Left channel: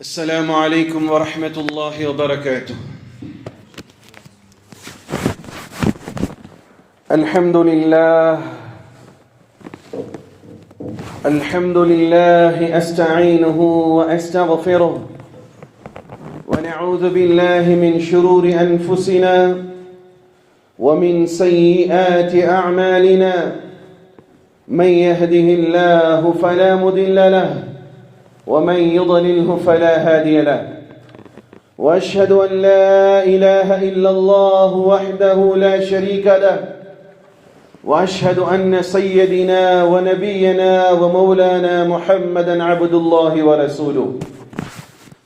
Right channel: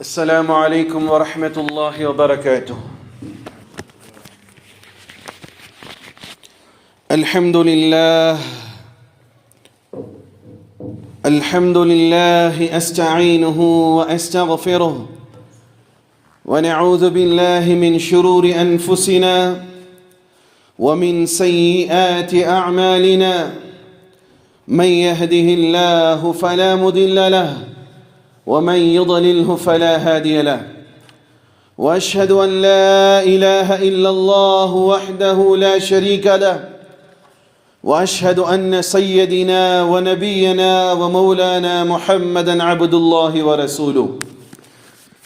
السلام عليكم ورحمة الله وبركاته. الحمد لله أستعينه وأستغفره ونعوذ بالله من شرور أنفسنا ومن سيئات أعمالنا من يهده الله فلا مضل له ومن يضلله فلا هادي له وأشهد أن لا إله إلا الله وحده لا شريك له وأشهد أن سيدنا ونبينا ومولانا محمدا عبد الله ورسوله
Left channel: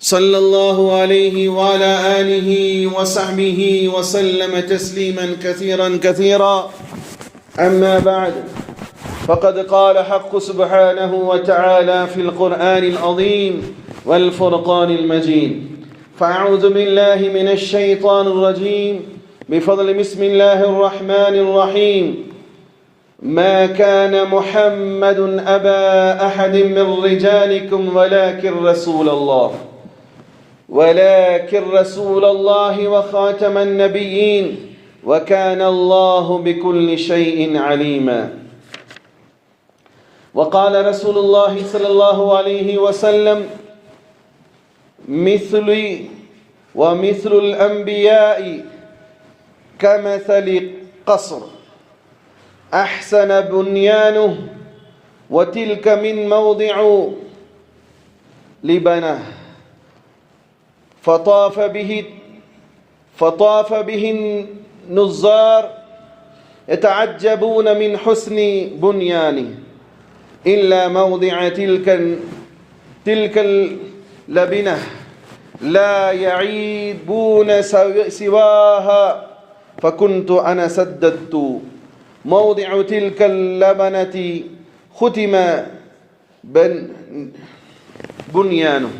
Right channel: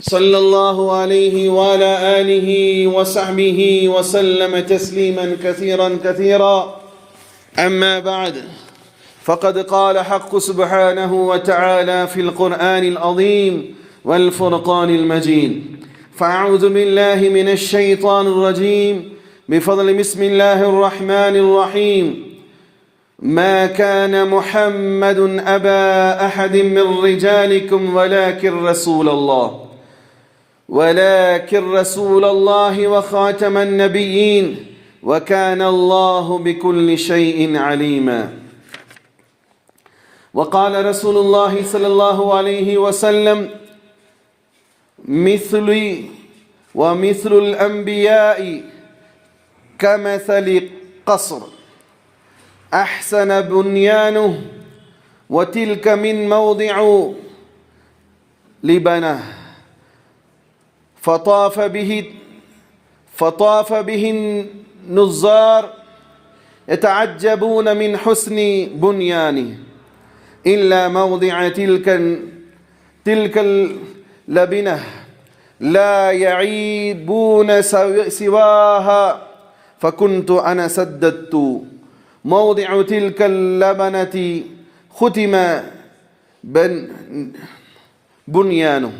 صلى الله عليه وعلى آله وصحبه وسلم تسليما كثيرا أما بعد فقد قال حق سبحانه وتعالى في القرآن العظيم والفرقان المجيد فأعوذ بالله من الشيطان الرجيم بفضل بسم الله الرحمن الرحيم ما كان محمد أبا أحد من رجالكم ولكن رسول الله وخاتم النبيين وكان الله بكل شيء عليما. وقال رسول الله صلى الله عليه وسلم مثلي ومثل الأنبياء كمثل قصر أحسن بنيانه وتلك من موضع لبنه فطاف به النظار يتعجبون من حسن بنيانه إلا موضع تلك اللبنة لا يعيبون سواها فكنت أنا سددت موضع تلك اللبنة ختم بنيانه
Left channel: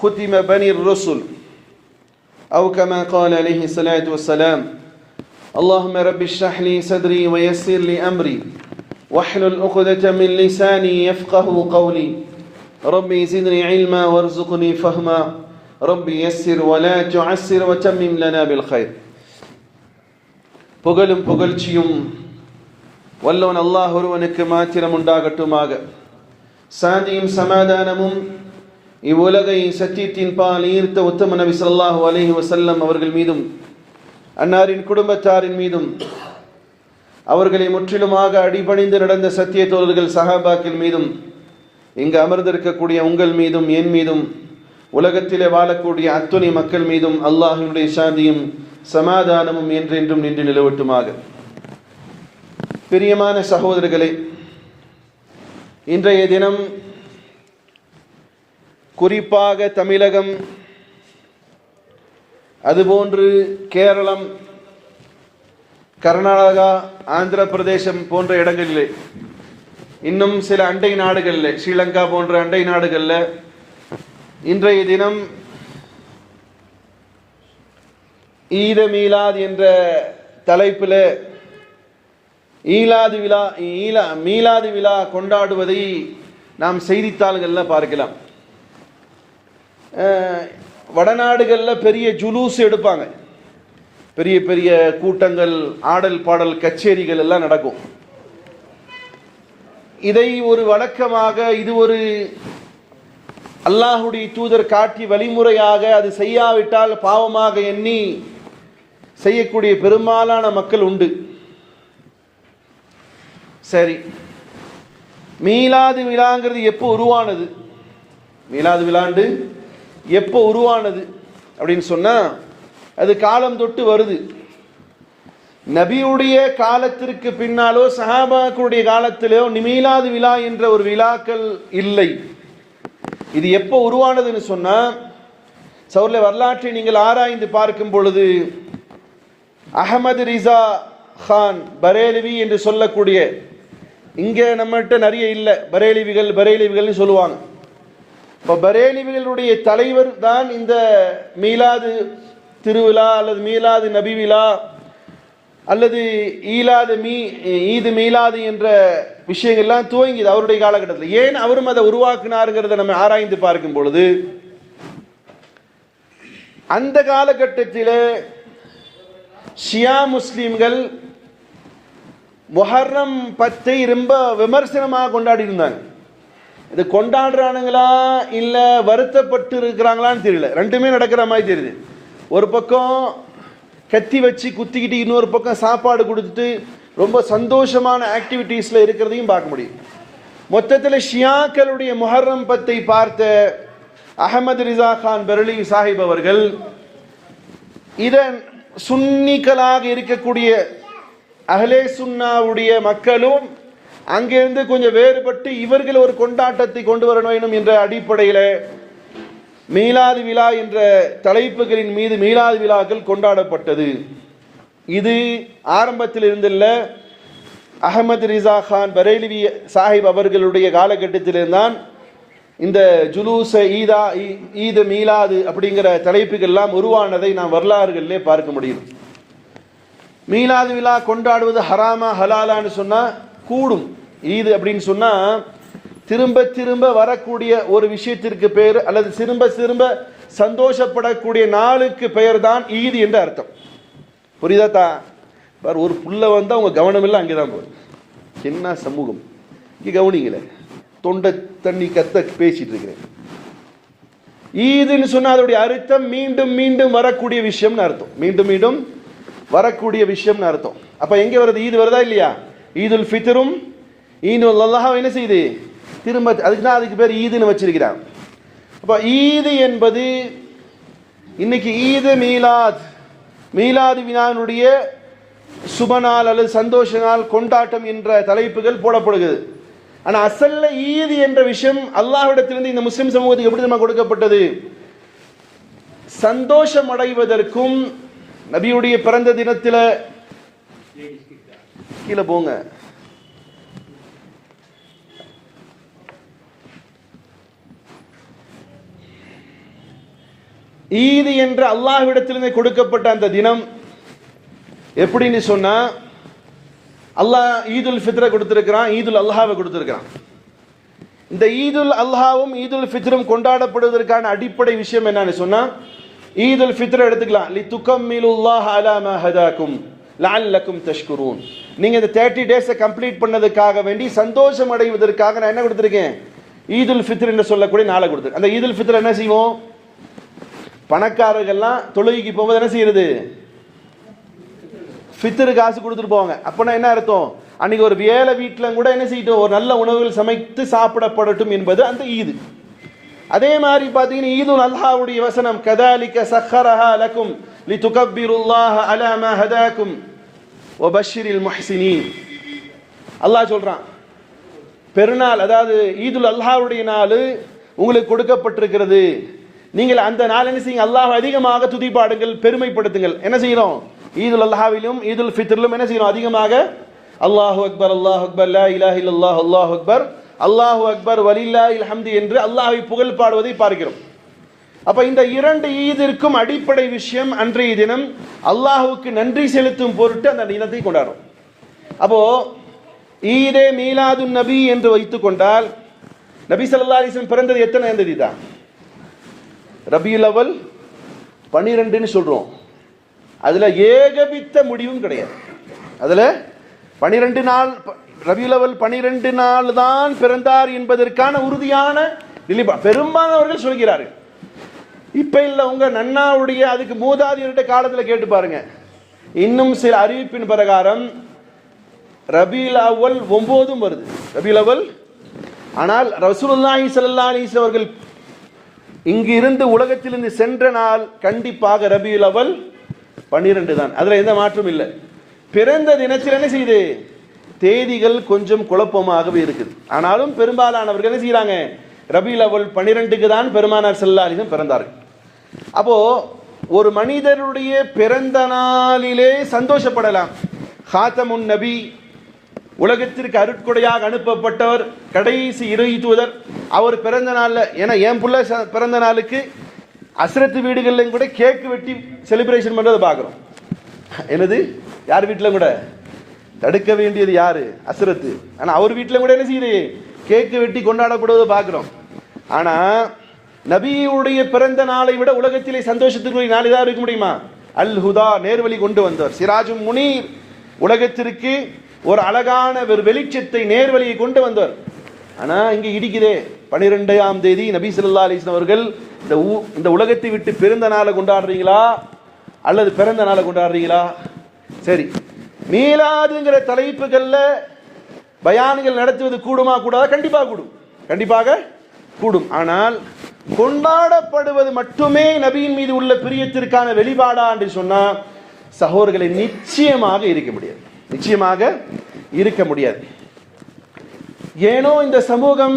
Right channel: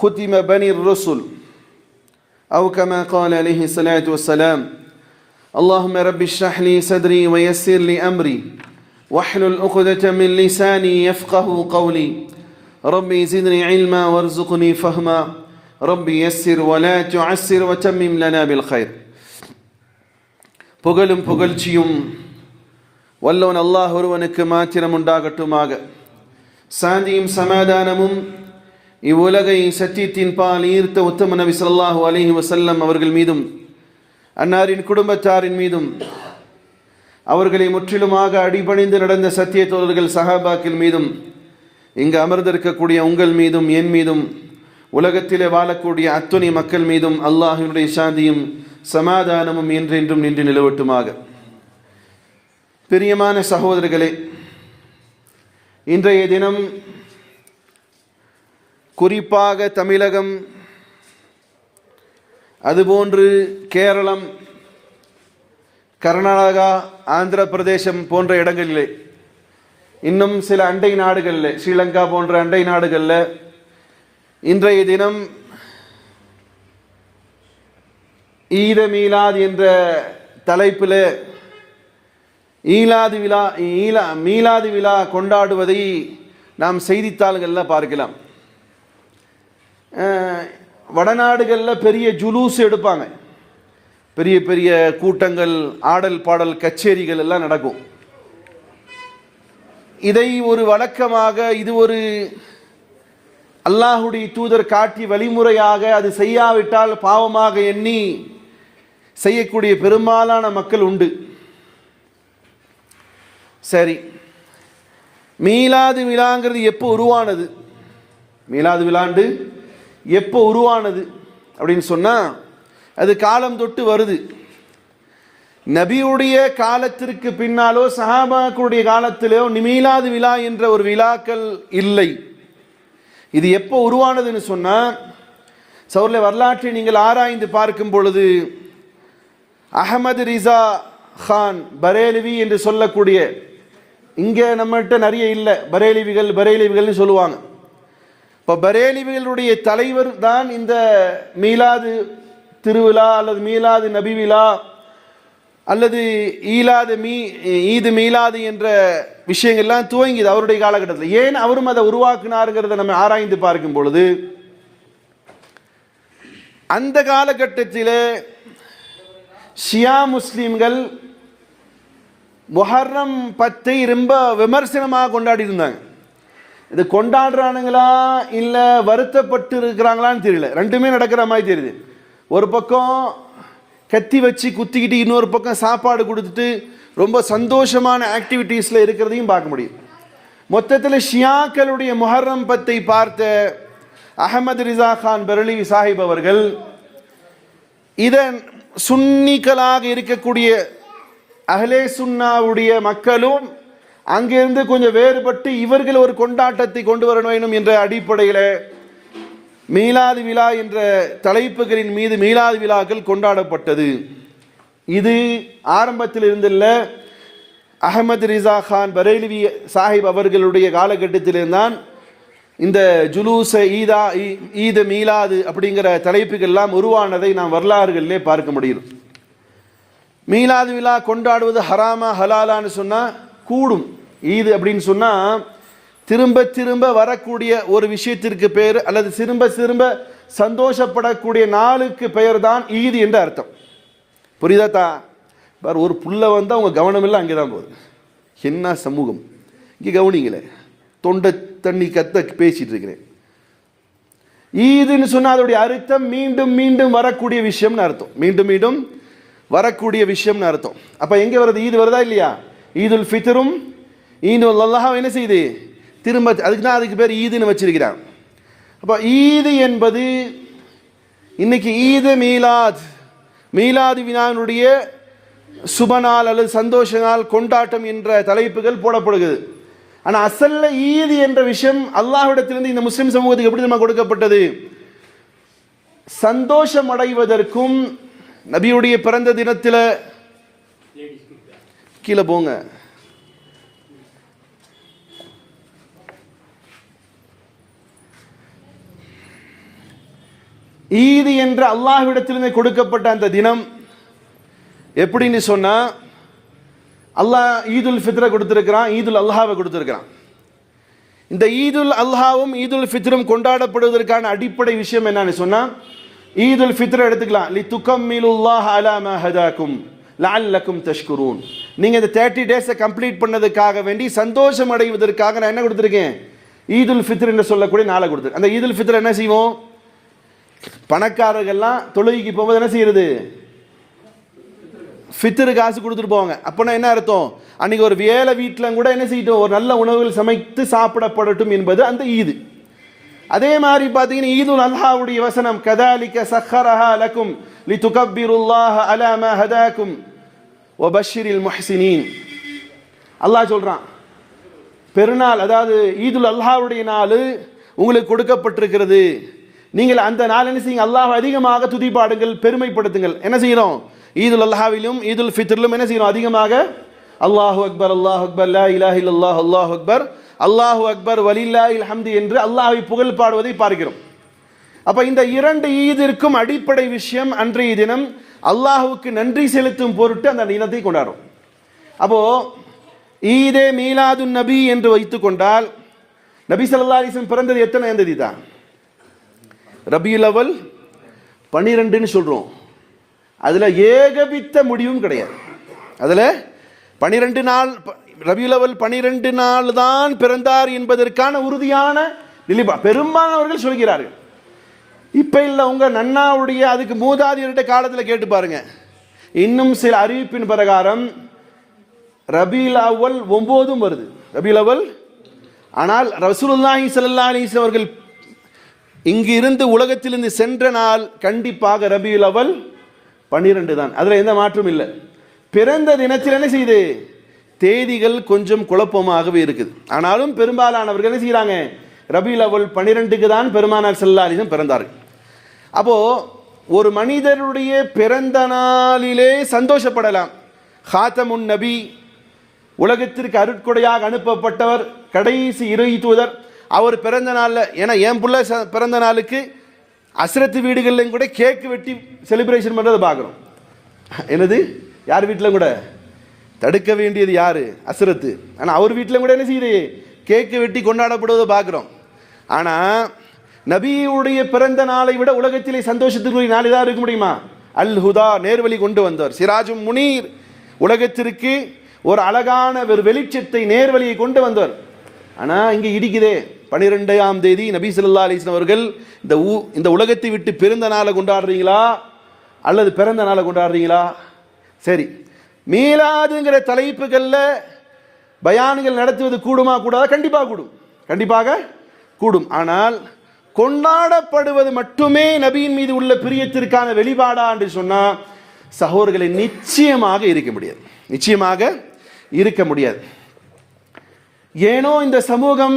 ختم بني الرسل أو كما قال عليه الصلاة والسلام اللهم رب اشرح لي صدري ويسر لي أمري واحلل عقدة من لساني يفقه قولي ربي زدني علما وارزقني فهما ربي يسر ولا تعسر وتمم لنا بالخير. புகழும் புகழ்ச்சியும் வல்லவன் அல்லாஹ் ஒருவனுக்கு மாத்திரம் உண்டாகட்டுமாக. சாந்தியும் சமாதானமும் இவ்வுலகை சத்தியத்தின் பால் ஈர்த்த உத்தம நபி ஸல்லல்லாஹு அலைஹி வஸல்லம் அவர்கள் மீதும் அன்னாரின் குடும்பத்தாரின் மீதும் அவர்களை முற்றிலுமாக அடிபணிந்து நடந்த சத்திய தோழர்கள் சஹாபாக்கள் மீதும் இங்கு அமர்ந்திருக்கக்கூடிய உங்கள் மீதும் என் மீதும் உலகத்திலே வாழக்கூடிய அத்துணை மக்கள் மீதும் அல்லாஹ்வினுடைய சாந்தியும் சமாதானமும் என்றென்றும் நின்று நிலவட்டுமாக. பிரியமான சகோதரர்களே, இன்றைய தினம் குறிப்பாக தமிழகம் அதுபோன்று கேரளம், கர்நாடகா, ஆந்திர பிரதேசம் போன்ற இடங்களிலே, இன்னும் சில அண்டை நாடுகளில், ஸ்ரீலங்கா போன்ற அண்டை நாடுகளில் இன்றைய தினம் ஈத மீலாத் என்ற தலைப்பில் மீலாது விழா கொண்டாடுவதை நாம் செய்தித்தாள்களில் பார்க்கலாம். வடநாடுகளில் பெரிய ஜுலூஸ் எடுப்பாங்க, பெரிய பெரிய கூட்டங்கள், ஆடல் பாடல் கச்சேரிகள் எல்லாம் நடக்கும். இதை ஒரு வழக்கமாக, இது ஒரு அல்லாஹுடைய தூதர் காட்டி வழிமுறையாக, அது செய்யாவிட்டால் பாவமாக எண்ணி செய்யக்கூடிய பெரும்பாலான மக்கள் உண்டு. சரி, மீலாது விழாங்கிறது எப்போ உருவானது? மீலாது விழாண்டு எப்போ உருவானது அப்படின்னு சொன்னா, அது காலம் தொட்டு வருது. நபியுடைய காலத்திற்கு பின்னாலோ சஹாபாக்களுடைய காலத்திலோ மீலாது விழா என்ற ஒரு விழாக்கள் இல்லை. இது எப்போ உருவானதுன்னு சொன்னா, சௌர்ல வரலாற்றை நீங்கள் ஆராய்ந்து பார்க்கும் பொழுது அஹமது ரிசா கான் பரேலிவி என்று சொல்லக்கூடிய, இங்கே நம்மகிட்ட நிறைய இல்லை, பரேலிவிகள் சொல்லுவாங்க. இப்போ பரேலிவிகளுடைய தலைவர் தான் இந்த மீலாது திருவிழா அல்லது மீலாது நபி விழா அல்லது ஈது மீலாது என்ற விஷயங்கள்லாம் துவங்கியது அவருடைய காலகட்டத்தில். ஏன் அவரும் அதை உருவாக்கினாருங்கிறத நம்ம ஆராய்ந்து பார்க்கும் பொழுது அந்த காலகட்டத்தில் ஷியா முஸ்லீம்கள் முஹர்ரம் 10 ரொம்ப விமர்சனமாக கொண்டாடி இருந்தாங்க. இது கொண்டாடுறானுங்களா இல்லை வருத்தப்பட்டு இருக்கிறாங்களான்னு தெரியல. ரெண்டுமே நடக்கிற மாதிரி தெரியுது. ஒரு பக்கம் கத்தி வச்சு குத்திக்கிட்டு, இன்னொரு பக்கம் சாப்பாடு கொடுத்துட்டு ரொம்ப சந்தோஷமான ஆக்டிவிட்டீஸில் இருக்கிறதையும் பார்க்க முடியும். மொத்தத்தில் ஷியாக்களுடைய முஹர்ரம் 10 பார்த்த அஹமது ரிசா கான் பெரலி சாஹிப் அவர்கள் இதன் சுன்னிகளாக இருக்கக்கூடிய அஹ்லே சுன்னாவுடைய மக்களும் அங்கிருந்து கொஞ்சம் வேறுபட்டு இவர்கள் ஒரு கொண்டாட்டத்தை கொண்டு வர வேண்டும் என்ற அடிப்படையில் மீலாது விழா என்ற தலைப்புகளின் மீது மீலாது விழாக்கள் கொண்டாடப்பட்டது. இது ஆரம்பத்தில் இருந்துள்ள அஹமது ரிசா கான் பரேலிவி சாஹிப் அவர்களுடைய காலகட்டத்தில்தான் இந்த ஜுலூச ஈத மீலாது அப்படிங்கிற தலைப்புகள்லாம் உருவானதை நாம் வரலாறுகளிலே பார்க்க முடியும். மீலாது விழா கொண்டாடுவது ஹராமா ஹலாலான்னு சொன்னால் கூடும். ஈது அப்படின்னு சொன்னால் திரும்ப திரும்ப வரக்கூடிய ஒரு விஷயத்திற்கு பெயர் அல்லது திரும்ப திரும்ப சந்தோஷப்படக்கூடிய நாளுக்கு பெயர் தான் ஈது என்ற அர்த்தம். புரியுதா? ஒரு புள்ள வந்து அவங்க கவனம் எல்லாம் அங்கே தான் போகுது. என்ன சமூகம் இங்கே கவனிங்களே, தொண்டை தண்ணி கத்த பேசிட்டு இருக்கிறேன். ஈதுன்னு சொன்னால் அதோடைய அர்த்தம் மீண்டும் மீண்டும் வரக்கூடிய விஷயம்னு அர்த்தம். மீண்டும் மீண்டும் வரக்கூடிய விஷயம்னு அர்த்தம். அப்போ எங்கே வருது? ஈது வருதா இல்லையா? ஈதுல் ஃபித்ரும் ஈதுல் அல்லாஹ் என்ன செய்யுது? திரும்ப அதுக்கு தான் அதுக்கு பேர் ஈதுன்னு வச்சிருக்கிறான். அப்போ ஈது என்பது இன்னைக்கு ஈது மீலாத், மீலாது வினானுடைய சுபநாள் அல்லது சந்தோஷ நாள் கொண்டாட்டம் என்ற தலைப்புகள் போடப்படுகிறது. ஆனால் அசல்ல ஈது என்ற விஷயம் அல்லாஹ்விடத்திலிருந்து இந்த முஸ்லிம் சமூகத்துக்கு எப்படி நம்ம கொடுக்கப்பட்டது? சந்தோஷம் அடைவதற்கும் நபியுடைய பிறந்த தினத்தில் கீழே போங்க ஈது என்ற அல்லாஹ்விடத்திலிருந்து கொடுக்கப்பட்ட அந்த தினம் எப்படின்னு சொன்னா, அல்லாஹ் ஈதுல் ஃபித்ரை கொடுத்திருக்கிறான், ஈதுல் அல்ஹாவை கொடுத்திருக்கிறான். இந்த ஈதுல் அல்ஹாவும் ஈதுல் ஃபித்ரும் கொண்டாடப்படுவதற்கான அடிப்படை விஷயம் என்னன்னு சொன்னா, ஈதுல் ஃபித்ரை எடுத்துக்கலாம். லி துகம்மிலுல்லாஹ் அலா மா ஹதாக்கும் லஅல்லக்கும் தஷ்குரூன். நீங்க இந்த 30 டேஸை கம்ப்ளீட் பண்ணதுக்காக வேண்டி சந்தோஷம் அடைவதற்காக நான் என்ன கொடுத்திருக்கேன்? ஈதுல் ஃபித்ர் என்று சொல்லக்கூடிய நாளை கொடுத்திருக்கேன். அந்த ஈதுல் ஃபித்ர் என்ன செய்வோம்? பணக்காரர்கள்லாம் தொழுகைக்கு போகும்போது என்ன செய்யறது? ஃபித்ரு காசு கொடுத்துட்டு போவாங்க. அப்போனா என்ன அர்த்தம்? அன்னைக்கு ஒரு வேலை வீட்டில் கூட என்ன செய்யட்டும், ஒரு நல்ல உணவுகள் சமைத்து சாப்பிடப்படட்டும் என்பது அந்த ஈது. அதே மாதிரி பார்த்தீங்கன்னா ஈதுல் அல்ஹாவுடைய வசனம் கதாலிக சஹரஹா லக்கும் லிதுகப்பிருல்லாஹ அலா மா ஹதாக்கும் வபஷ்ஷிரில் முஹ்ஸினீன். அல்லாஹ் சொல்றான், பெருநாள் அதாவது ஈதுல் அல்ஹாவுடைய நாள் உங்களுக்கு கொடுக்கப்பட்டிருக்கிறது. நீங்கள் அந்த நாள் என்ன செய்யுங்க? அல்லாஹ் அதிகமாக துதிப்பாடுங்கள், பெருமைப்படுத்துங்கள். என்ன செய்யறோம்? ஈதுல் அல்ஹாவிலும் ஈதுல் ஃபித்ரிலும் என்ன செய்யறோம்? அதிகமாக அல்லாஹு அக்பர் அல்லாஹு அக்பர் லா இலாஹ இல்லல்லாஹ் அல்லாஹு அக்பர் அல்லாஹு அக்பர் வலில்லாஹில் ஹம்து என்று அல்லாஹ்வை புகழ் பாடுவதை பார்க்கிறோம். அப்ப இந்த இரண்டு ஈதிற்கும் அடிப்படை விஷயம் அன்றைய தினம் அல்லாஹுக்கு நன்றி செலுத்தும் பொருட்டு அந்த தினத்தை கொண்டாடும். அப்போ ஈதே மீலாது நபி என்று வைத்துக் கொண்டால், நபி ஸல்லல்லாஹு அலைஹி வஸல்லம் பிறந்தது எத்தனை தேதி தான்? ரபியுல் அவ்வல் 12ன்னு சொல்றோம். அதுல ஏகபித்த முடிவும் கிடையாது. அதுல 12 நாள் ரபியுல் அவ்வல் 12 நாள் தான் பிறந்தார் என்பதற்கான உறுதியான நிலைப்பா பெரும்பாலானவர்கள் சொல்கிறார்கள். இப்ப இல்ல, உங்க நன்னாவுடைய அதுக்கு மூதாதியர்கிட்ட காலத்தில் கேட்டு பாருங்க. இன்னும் சில அறிவிப்பின் பிரகாரம் ரபியுல் அவ்வல் 9 வருது ரபியுல் அவ்வல். ஆனால் ரசூலுல்லாஹி ஸல்லல்லாஹு அலைஹி வஸல்லம் அவர்கள் இங்கு இருந்து உலகத்திலிருந்து சென்ற நாள் கண்டிப்பாக ரபியுல் அவ்வல் 12 தான். அதுல எந்த மாற்றம் இல்லை. பிறந்த தினத்தில் என்ன செய்யுது? தேதிகள் கொஞ்சம் குழப்பமாகவே இருக்குது. ஆனாலும் பெரும்பாலானவர்கள் என்ன செய்யறாங்க? ரபியுல் அவ்வல் 12க்கு தான் பெருமானார் ஸல்லல்லாஹு அலைஹி வஸல்லம் பிறந்தார்கள். அப்போ ஒரு மனிதருடைய பிறந்த நாளிலே சந்தோஷப்படலாம். ஹாத்தமுன் நபி, உலகத்திற்கு அருட்கொடையாக அனுப்பப்பட்டவர், கடைசி இறை தூதர், அவர் பிறந்த நாள்ல, ஏன்னா என் புள்ள பிறந்த நாளுக்கு அஸ்ரத்து வீடுகளிலும் கூட கேக் வெட்டி செலிப்ரேஷன் பண்றதை பார்க்கிறோம். என்னது? யார் வீட்டில் கூட தடுக்க வேண்டியது யாரு? அஸ்ரத்து. ஆனா அவர் வீட்டில் கூட என்ன செய்யுது? கேக்கு வெட்டி கொண்டாடப்படுவதை பார்க்கிறோம். ஆனா நபியுடைய பிறந்த நாளை விட உலகத்திலே சந்தோஷத்திற்குரிய நாள் ஏதாவது இருக்க முடியுமா? அல் ஹுதா, நேர்வழி கொண்டு வந்தவர். சிராஜும் முனீர், உலகத்திற்கு ஒரு அழகான ஒரு வெளிச்சத்தை, நேர்வழியை கொண்டு வந்தவர். ஆனா இங்க இடிக்குதே. 12ஆம் தேதி நபி ஸல்லல்லாஹு அலைஹி வஸல்லம் அவர்கள் இந்த உலகத்தை விட்டு பிறந்த நாளை கொண்டாடுறீங்களா அல்லது பிறந்த நாளை கொண்டாடுறீங்களா? சரி, மீலாதுங்கிற தலைப்புகள்ல பயான்கள் நடத்துவது கூடுமா கூடாதா? கண்டிப்பாக கூடும், கண்டிப்பாக கூடும். ஆனால் கொண்டாடப்படுவது மட்டுமே நபியின் மீது உள்ள பிரியத்திற்கான வெளிப்பாடா என்று சொன்னால் சகோதரர்களை நிச்சயமாக இருக்க முடியாது, நிச்சயமாக இருக்க முடியாது. ஏனோ இந்த சமூகம்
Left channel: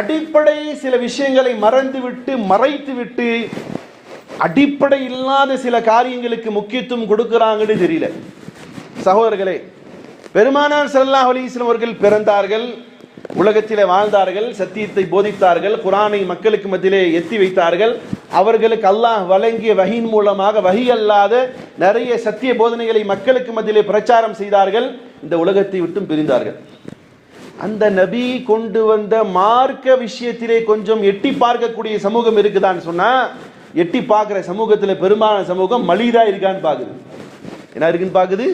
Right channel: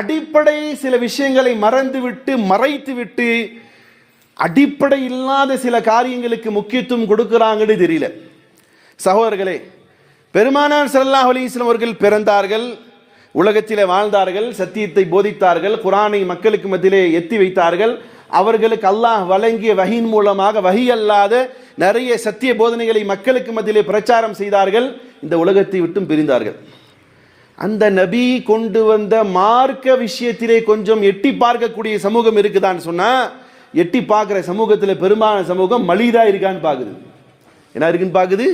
அடிப்படை சில விஷயங்களை மறந்துவிட்டு மறைத்துவிட்டு அடிப்படை இல்லாத சில காரியங்களுக்கு முக்கியத்துவம் கொடுக்கிறாங்கன்னு தெரியல. சகோதரர்களே, பெருமானார் ஸல்லல்லாஹு அலைஹி வஸல்லம் அவர்கள் பிறந்தார்கள், உலகத்திலே வாழ்ந்தார்கள், சத்தியத்தை போதித்தார்கள், குர்ஆனை மக்களுக்கு மத்தியிலே எத்தி வைத்தார்கள். அவர்களுக்கு அல்லாஹ் வழங்கிய வஹீன் மூலமாக வஹி அல்லாத நிறைய சத்திய போதனைகளை மக்களுக்கு மத்தியிலே பிரச்சாரம் செய்தார்கள். இந்த உலகத்தை விட்டும் பிரிந்தார்கள். அந்த நபி கொண்டு வந்த மார்க்க விஷயத்திலே கொஞ்சம் எட்டி பார்க்கக்கூடிய சமூகம் இருக்குதான்னு சொன்னா, எட்டி பார்க்கிற சமூகத்தில் பெரும்பாலான சமூகம் மலிதா இருக்கான்னு பார்க்குது. என்ன இருக்குன்னு பார்க்குது?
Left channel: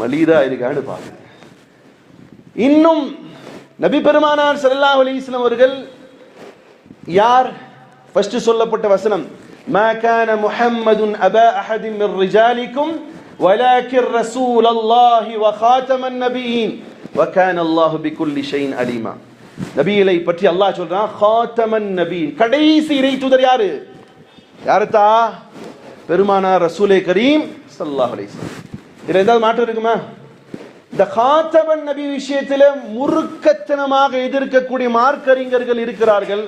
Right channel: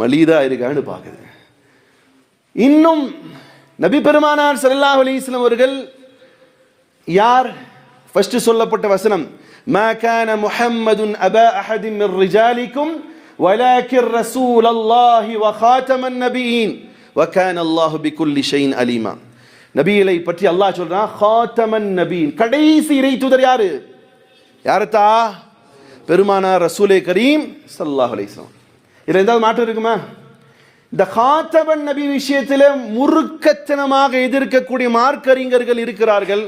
மலிதா இருக்கான்னு பார்க்குது. இன்னும் நபி பெருமானார் ஸல்லல்லாஹு அலைஹி வஸல்லம் அவர்கள் யார்? ஃபர்ஸ்ட் சொல்லப்பட்ட வசனம், மா கான முஹம்மதுன் அபா அஹதின் மின் ரிஜாலிக்கும் வலாக்கின் ரசூலல்லாஹி வ காதமன் நபியீன் வ கான அல்லாஹு பிகுல்லி ஷைஇன் அலீமா. நபிகளை பற்றி அல்லாஹ் சொல்றான், காதமன் நபியீன், கடைசி இறை தூதர் யாரு? யாருத்தா? பெருமானார் ரசூலே கரீம் ஸல்லல்லாஹு அலைஹி வஸல்லம். இதுல ஏதாவது மாற்றம் இருக்குமா? இந்த காத்தபன் நபி விஷயத்தில் முறுக்கத்தனமாக எதிர்க்கக்கூடிய மார்க்கறிஞர்கள் இருக்கிறார்கள்,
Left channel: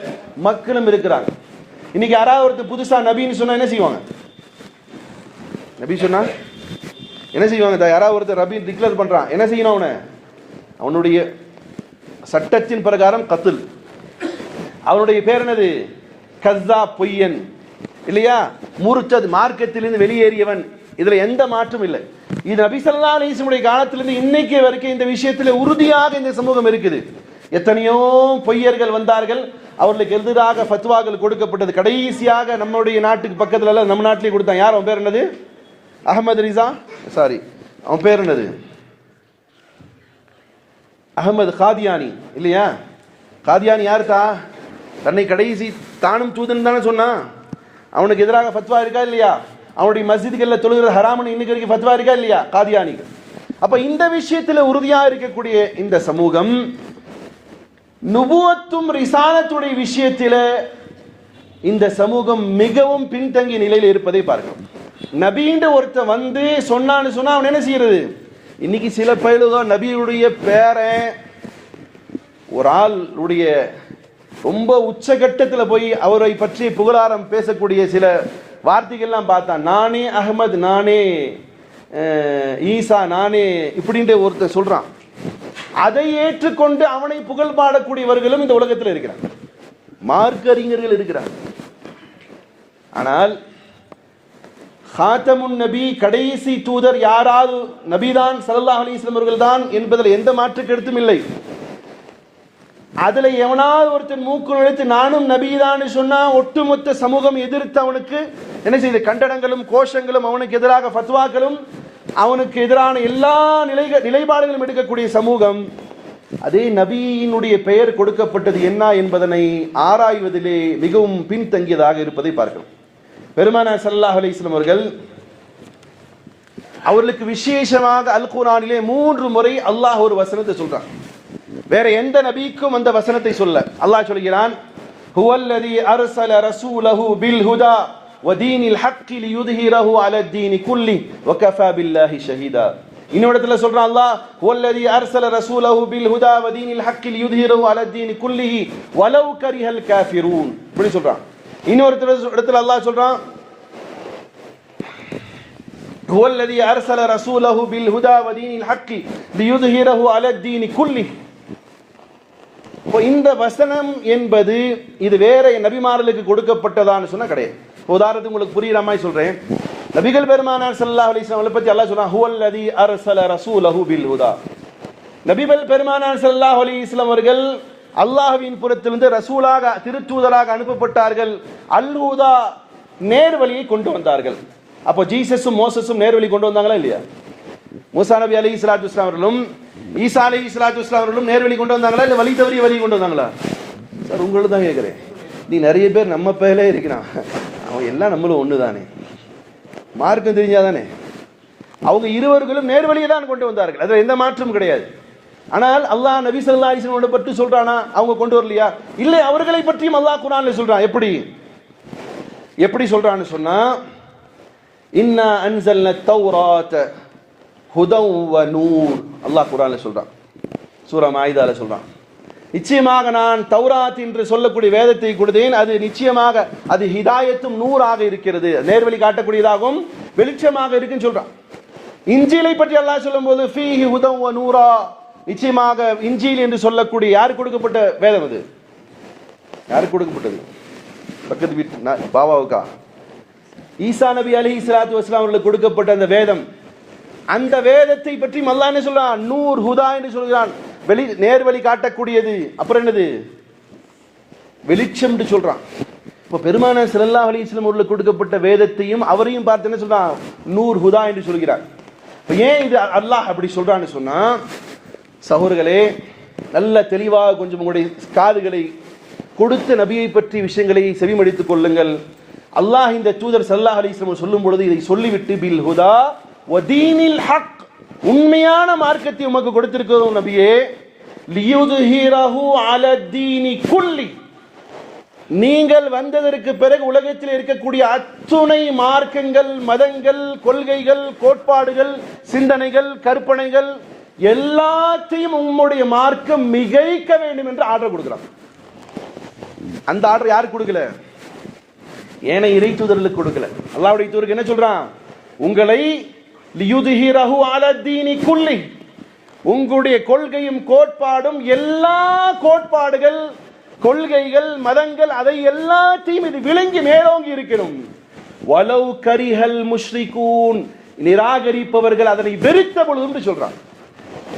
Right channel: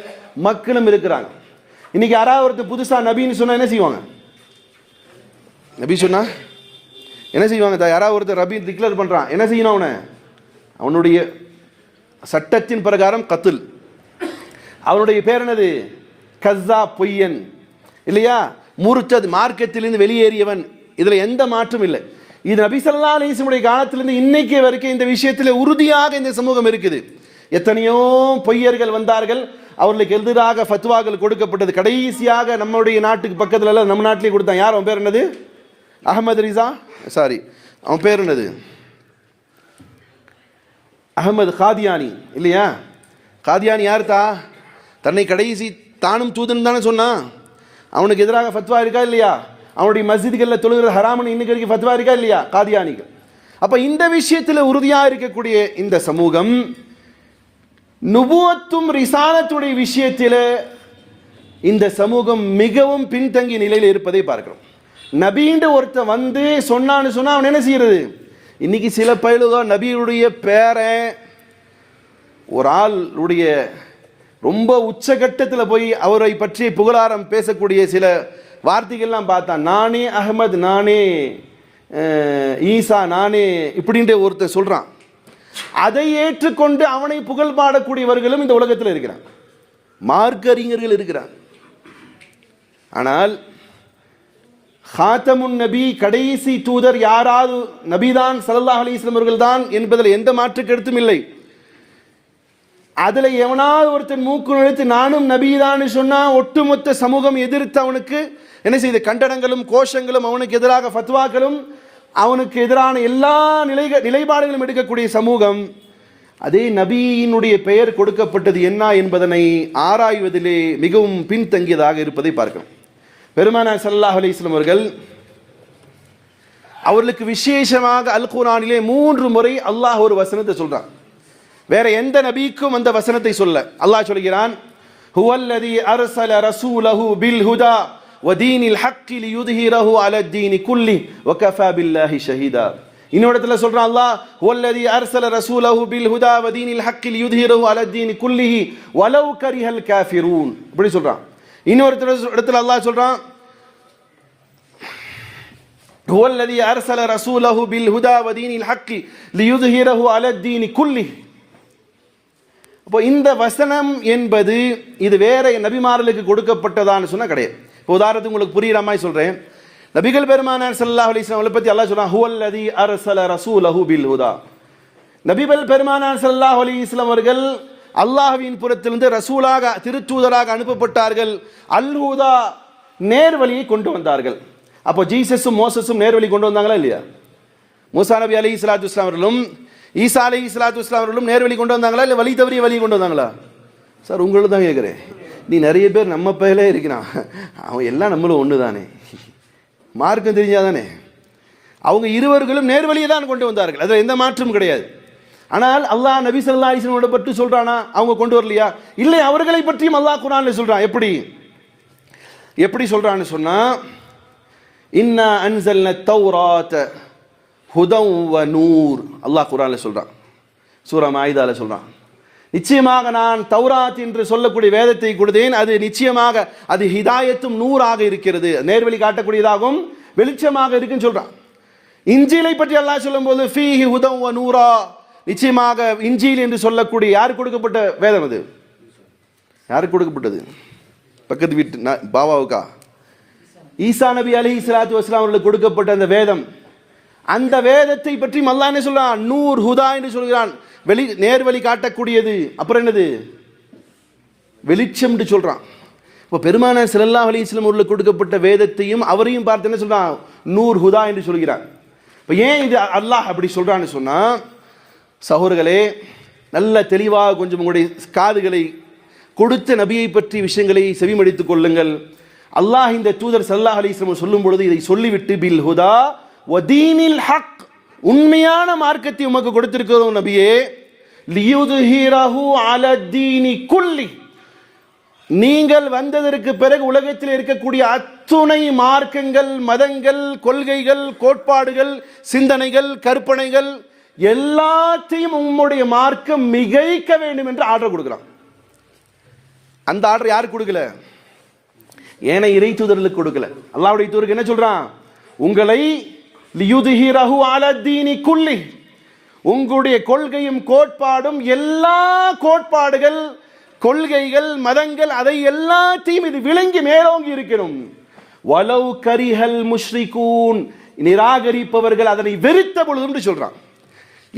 மக்களும் இருக்கிறாங்க. இன்னைக்கு யாராவது ஒருத்தர் புதுசா நபின்னு சொன்னா என்ன செய்வாங்க? நபி சொன்னா என்ன செய்வாங்க? யாராவது ஒருத்தர் நபி டிக்ளேர் பண்றான், என்ன செய்யணும்? அவனுடைய சட்டத்தின் பிரகாரம் கத்ல். அவனுடைய பேர் என்னது? கஸ்ஸா, பொய்யன் இல்லையா? முர்தத், மார்க்கத்திலிருந்து வெளியேறியவன். இதுல எந்த மாற்றம் இல்லை. இது நபி ஸல்லல்லாஹு அலைஹி வஸல்லம் காலத்திலிருந்து இன்னைக்கு வரைக்கும் இந்த விஷயத்தில் உறுதியாக இந்த சமூகம் இருக்குது. எத்தனையோ பொய்யர்கள் வந்தார்கள், அவர்களுக்கு எதிராக ஃபத்வாக்கள் கொடுக்கப்பட்டது. கடைசியாக நம்முடைய நாட்டுக்கு பக்கத்துல எல்லாம் நம்ம நாட்டிலே கொடுத்தான். யார் அவன் பேர் என்னது? அஹமது ரிசா, சாரி அவன் பேர் என்னது? அஹமது காதியானி இல்லையா? காதியானி யாருத்தா? தன்னை கடைசி தானும் தூதன் தானே சொன்னான். அவனுக்கு எதிராக ஃபத்வா இருக்கா இல்லையா? அவனுடைய மஸ்ஜிதுகளில் தொழுகிற ஹராமன் இன்னைக்கு வரைக்கும் ஃபத்வா இருக்கா இல்லையா? காதியானிகள். அப்ப இந்த விஷயத்தில் உறுதியா இருக்கக்கூடிய இந்த சமூகம் நுபுவத்தும் ரிசாலத்துடைய விஷயத்தில் இந்த சமூகம் மிகவும் பின்தங்கிய நிலையில் இருப்பதை பார்க்கிறோம். நபின்ற ஒருத்தன் வந்து சொன்னான்னு சொன்னா அவன் என்ன செய்யறது? இன்னைக்கு சில பயிலுதான் நபியுடைய பேரை ஒரு ஆளுடைய ரொம்ப உச்சகட்டத்தில் போய் அவரை பற்றி புகழாரம் பேசக்கூடிய சில வார்த்தைகள்லாம் பார்த்தான். நானே அஹ்மத், நானே ஈசா, நானே இப்படின்ற ஒருத்தர் சொல்றான். அதை ஏற்றுக்கொண்டு அவனை புகழ் பாடக்கூடியவர்களும் இந்த உலகத்தில் இருக்கிறார், மார்க்க அறிஞர்கள் இருக்கிறார். ஆனால் ஹாத்தமுன் நபி, கடைசி தூதர் யாராவது நபிதான், ஸல்லல்லாஹு அலைஹி வஸல்லம் அவர்கள் தான் என்பதில் எந்த மாற்று கருத்தும் இல்லை. அதுல எவனாவது ஒருத்தன் மூக்கு நுழைத்து நானும் நபிதான் சொன்னா ஒட்டுமொத்த சமூகம் எதிர்த்து அவனுக்கு என்ன செய்த கண்டனங்களும் கோஷங்களும், அவனுக்கு எதிராக ஃபத்வாக்களும், அவனுக்கு எதிரான எல்லா நிலைப்பாடுகளும் எடுக்கக்கூடிய சமூகம். அதே நபியினுடைய பெயர் கொடுக்கப்பட்டது என்ன என்பதனை ஆராய்வதிலே மிகவும் பின்தங்கியதாக இருப்பதை பார்க்கிறோம். பெருமானார் ஸல்லல்லாஹு அலைஹி வஸல்லம் அவர்கள் அவர்களுக்கு விசேஷமாக அல் குர்ஆனிலே 3 முறை அல்லாஹ் ஒரு வசனத்தை சொல்றான். வேற எந்த நபிக்கும் அந்த வசனத்தை சொல்ல. அல்லாஹ் சொல்கிறான், ஹுவல்லதி அர்ஸல ரசூலஹு பில் ஹுதா வ தீனில் ஹக்கி லியுத்ஹிரஹு அலா தீனி குல்லி வ கஃபா பில்லாஹி ஷஹீதா. இன்னொரு இடத்துல சொல்றான் அல்லாஹ், ஹுவல்லதி அர்ஸல ரசூலஹு பில் ஹுதா வ தீனில் ஹக்கி லியுத்ஹிரஹு அலா தீனி குல்லிஹி வலவ் கரிஹல் காஃபிரூன். இப்படி சொல்றான். இன்னொரு இடத்துல அல்லாஹ் சொல்றான், ஹுவல்லதி அர்ஸல ரசூலஹு பில் ஹுதா வ தீனில் ஹக்கி லியுத்ஹிரஹு அலா தீனி குல்லிஹி. இந்த வசனம் என்பது இது வேற நபிமார்களுக்கு கொடுக்கப்பட்டதான்னு சொன்னா கிடையாது. உதாரணத்துக்கு உங்களுக்கு புரியுற மாதிரி சொல்றேன். நபிகள் பெருமானார் ஸல்லல்லாஹு அலைஹி வஸல்லம் பத்தி அல்லாஹ் சொல்றான், ஹுவல்லதி அர்ஸல ரசூலஹு பில் ஹுதா. நபிகள் பெருமானார் ஸல்லல்லாஹு அலைஹி வஸல்லம் அவர்கள் அல்லாஹ்வின் புறத்திலிருந்து ரசூலாக திருத்தூதராக அனுப்பப்பட்டார்கள். அல்-ஹுதா நேர்வழியை கொண்டு வந்தார்கள். அப்போ ஜீசஸும் மோசஸும் நேர்வழி கொண்டு வந்தாங்களா இல்லையா? மூசா நபி அலைஹிஸ்ஸலாத்து வஸ்ஸலாம் அவர்களும் ஈசா அலைஹிஸ்ஸலாத்து வஸ்ஸலாம் அவர்களும் நேர்வழி கொண்டு வந்தாங்களா இல்லை வழி தவறிய வழி கொண்டு வந்தாங்களா? சார் உங்களுக்கு தான் கேட்குறேன். நீ நிறைய பேர் நம்ம பேர்லே இருக்கிறான், அவன் எல்லாம் நம்மளும் ஒன்று தானே, மார்க்கம் தெரிஞ்சாதானே. அவங்க இருவர்களும் நேர்வழியை தான் கொண்டு வந்தார்கள், அதில் எந்த மாற்றமும் கிடையாது. ஆனால் அல்லாஹ் நபி ஸல்லல்லாஹு அலைஹி வஸல்லம் பற்றி சொல்றானா? அவங்க கொண்டு வரலையா? இல்லை, அவர்களை பற்றியும் அல்லாஹ் குர்ஆன்ல சொல்றான். எப்படி சொல்றான்னு சொன்னா, இன்னா அன்ஸல்னா தௌராத ஹுதன் வ நூர், அல்லாஹ் குர்ஆன்ல சொல்றான், சூரா மாயிதால சொல்றான். நிச்சயமாக நான் தௌராத் என்று சொல்லக்கூடிய வேதத்தை கொடுத்தேன், அது நிச்சயமாக அது ஹிதாயத்தும் நூறாக இருக்கிறது, நேர்வழி காட்டக்கூடியதாகவும் வெளிச்சமாக இருக்குன்னு சொல்றான். இன்ஜீலை பற்றி அல்லாஹ் சொல்லும்போது ஃபீஹி ஹுதன் வ நூரா, நிச்சயமாக இன்ஜீல் என்று சொல்லக்கூடிய யாருக்கு கொடுக்கப்பட்ட வேதம்? அது யாருக்கு கொடுக்கப்பட்டது? பக்கத்து வீட்டு பாபாவுக்கா? ஈசா நபி அலைஹிஸ்ஸலாத்து வஸ்ஸலாம் அவர்களுக்கு கொடுக்கப்பட்ட அந்த வேதம், அந்த வேதத்தை பற்றி அல்லாஹ் என்ன சொல்றான்? நூர் ஹுதா என்று சொல்கிறான், நேர்வழி காட்டக்கூடியது. அப்புறம் என்னது? வெளிச்சம் என்று சொல்றான். இப்போ பெருமானார் ஸல்லல்லாஹு அலைஹி வஸல்லம் அவர்களுக்கு கொடுக்கப்பட்ட வேதத்தையும் அவரையும் பார்த்து என்ன சொல்றான்? நூர் ஹுதா என்று சொல்கிறான். இப்போ ஏன் இது அல்லாஹ் அப்படி சொல்றான்னு சொன்னா, சகோதரர்களே, நல்ல தெளிவாக கொஞ்சம் உங்களுடைய காதுகளை கொடுத்த நபியை பற்றி விஷயங்களை செவிமடித்துக் கொள்ளுங்கள். அல்லாஹ் இந்த தூதர் ஸல்லல்லாஹு அலைஹி வஸல்லம் சொல்லும் பொழுது இதை சொல்லிவிட்டு பில் ஹுதா வ தீனில் ஹக், உண்மையான மார்க்கத்தை உமக்கு கொடுத்திருக்கிறோம் நபியே, லியுத்ஹிரஹு அலா தீனி குல்லி, நீங்கள் வந்ததற்கு பிறகு உலகத்தில் இருக்கக்கூடிய அத்துணை மார்க்கங்கள், மதங்கள், கொள்கைகள், கோட்பாடுகள், சிந்தனைகள், கற்பனைகள் எல்லாத்தையும் உம்முடைய மார்க்கம் மிகைக்க வேண்டும் என்று ஆர்டர் கொடுக்கிறான். அந்த ஆர்டர் யாருக்கு கொடுக்கல? ஏனை இறை தூதர்களுக்கு கொடுக்கல. அல்லாஹ்வுடைய தூதருக்கு என்ன சொல்றான்? உங்களை லியுத்ஹிரஹு அலா தீனி குல்லி, உங்களுடைய கொள்கையும் கோட்பாடும், எல்லா கோட்பாடுகள், கொள்கைகள், மதங்கள், அதை எல்லாத்தையும் இது விளங்கி மேலோங்கி இருக்கணும். வலவ் கரிஹல் முஷ்ரிகூன், நிராகரிப்பவர்கள் அதனை வெறுத்த பொழுது சொல்றான்.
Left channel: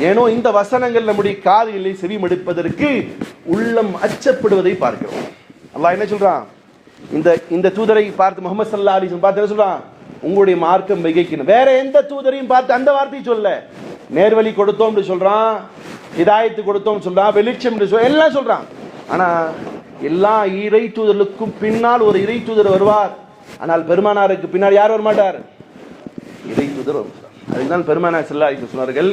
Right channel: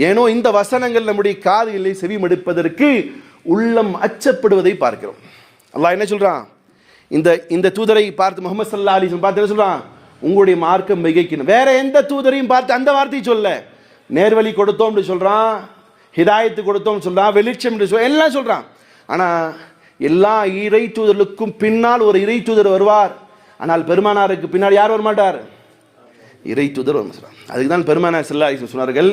ஏனோ இந்த வசனங்கள் நம்முடைய காதுகளை செவிமடுப்பதற்கு உள்ளம் அச்சப்படுவதை பார்க்கிறோம். அல்லாஹ் என்ன சொல்றான்? இந்த தூதரை பார்த்து, முஹம்மது ஸல்லல்லாஹு அலைஹி வஸல்லம் பார்த்து என்ன சொல்றான்? உங்களுடைய மார்க்கம் மிகைக்கணும். வேற எந்த தூதரையும் பார்த்து அந்த வார்த்தையை சொல்ல, நேர்வழி கொடுத்தோம் சொல்றான், ஹிதாயத்து கொடுத்தோம் சொல்றான், வெளிச்சம் எல்லாம் சொல்றான். ஆனா எல்லா இறை தூதர்களுக்கும் பின்னால் ஒரு இறை தூதர் வருவார். ஆனால் பெருமானாருக்கு பின்னால் யார் வரமாட்டார்? இறை தூதர் வரும். அதுக்குதான் பெருமானார் ஸல்லல்லாஹு அலைஹி வஸல்லம் சொன்னார்கள்,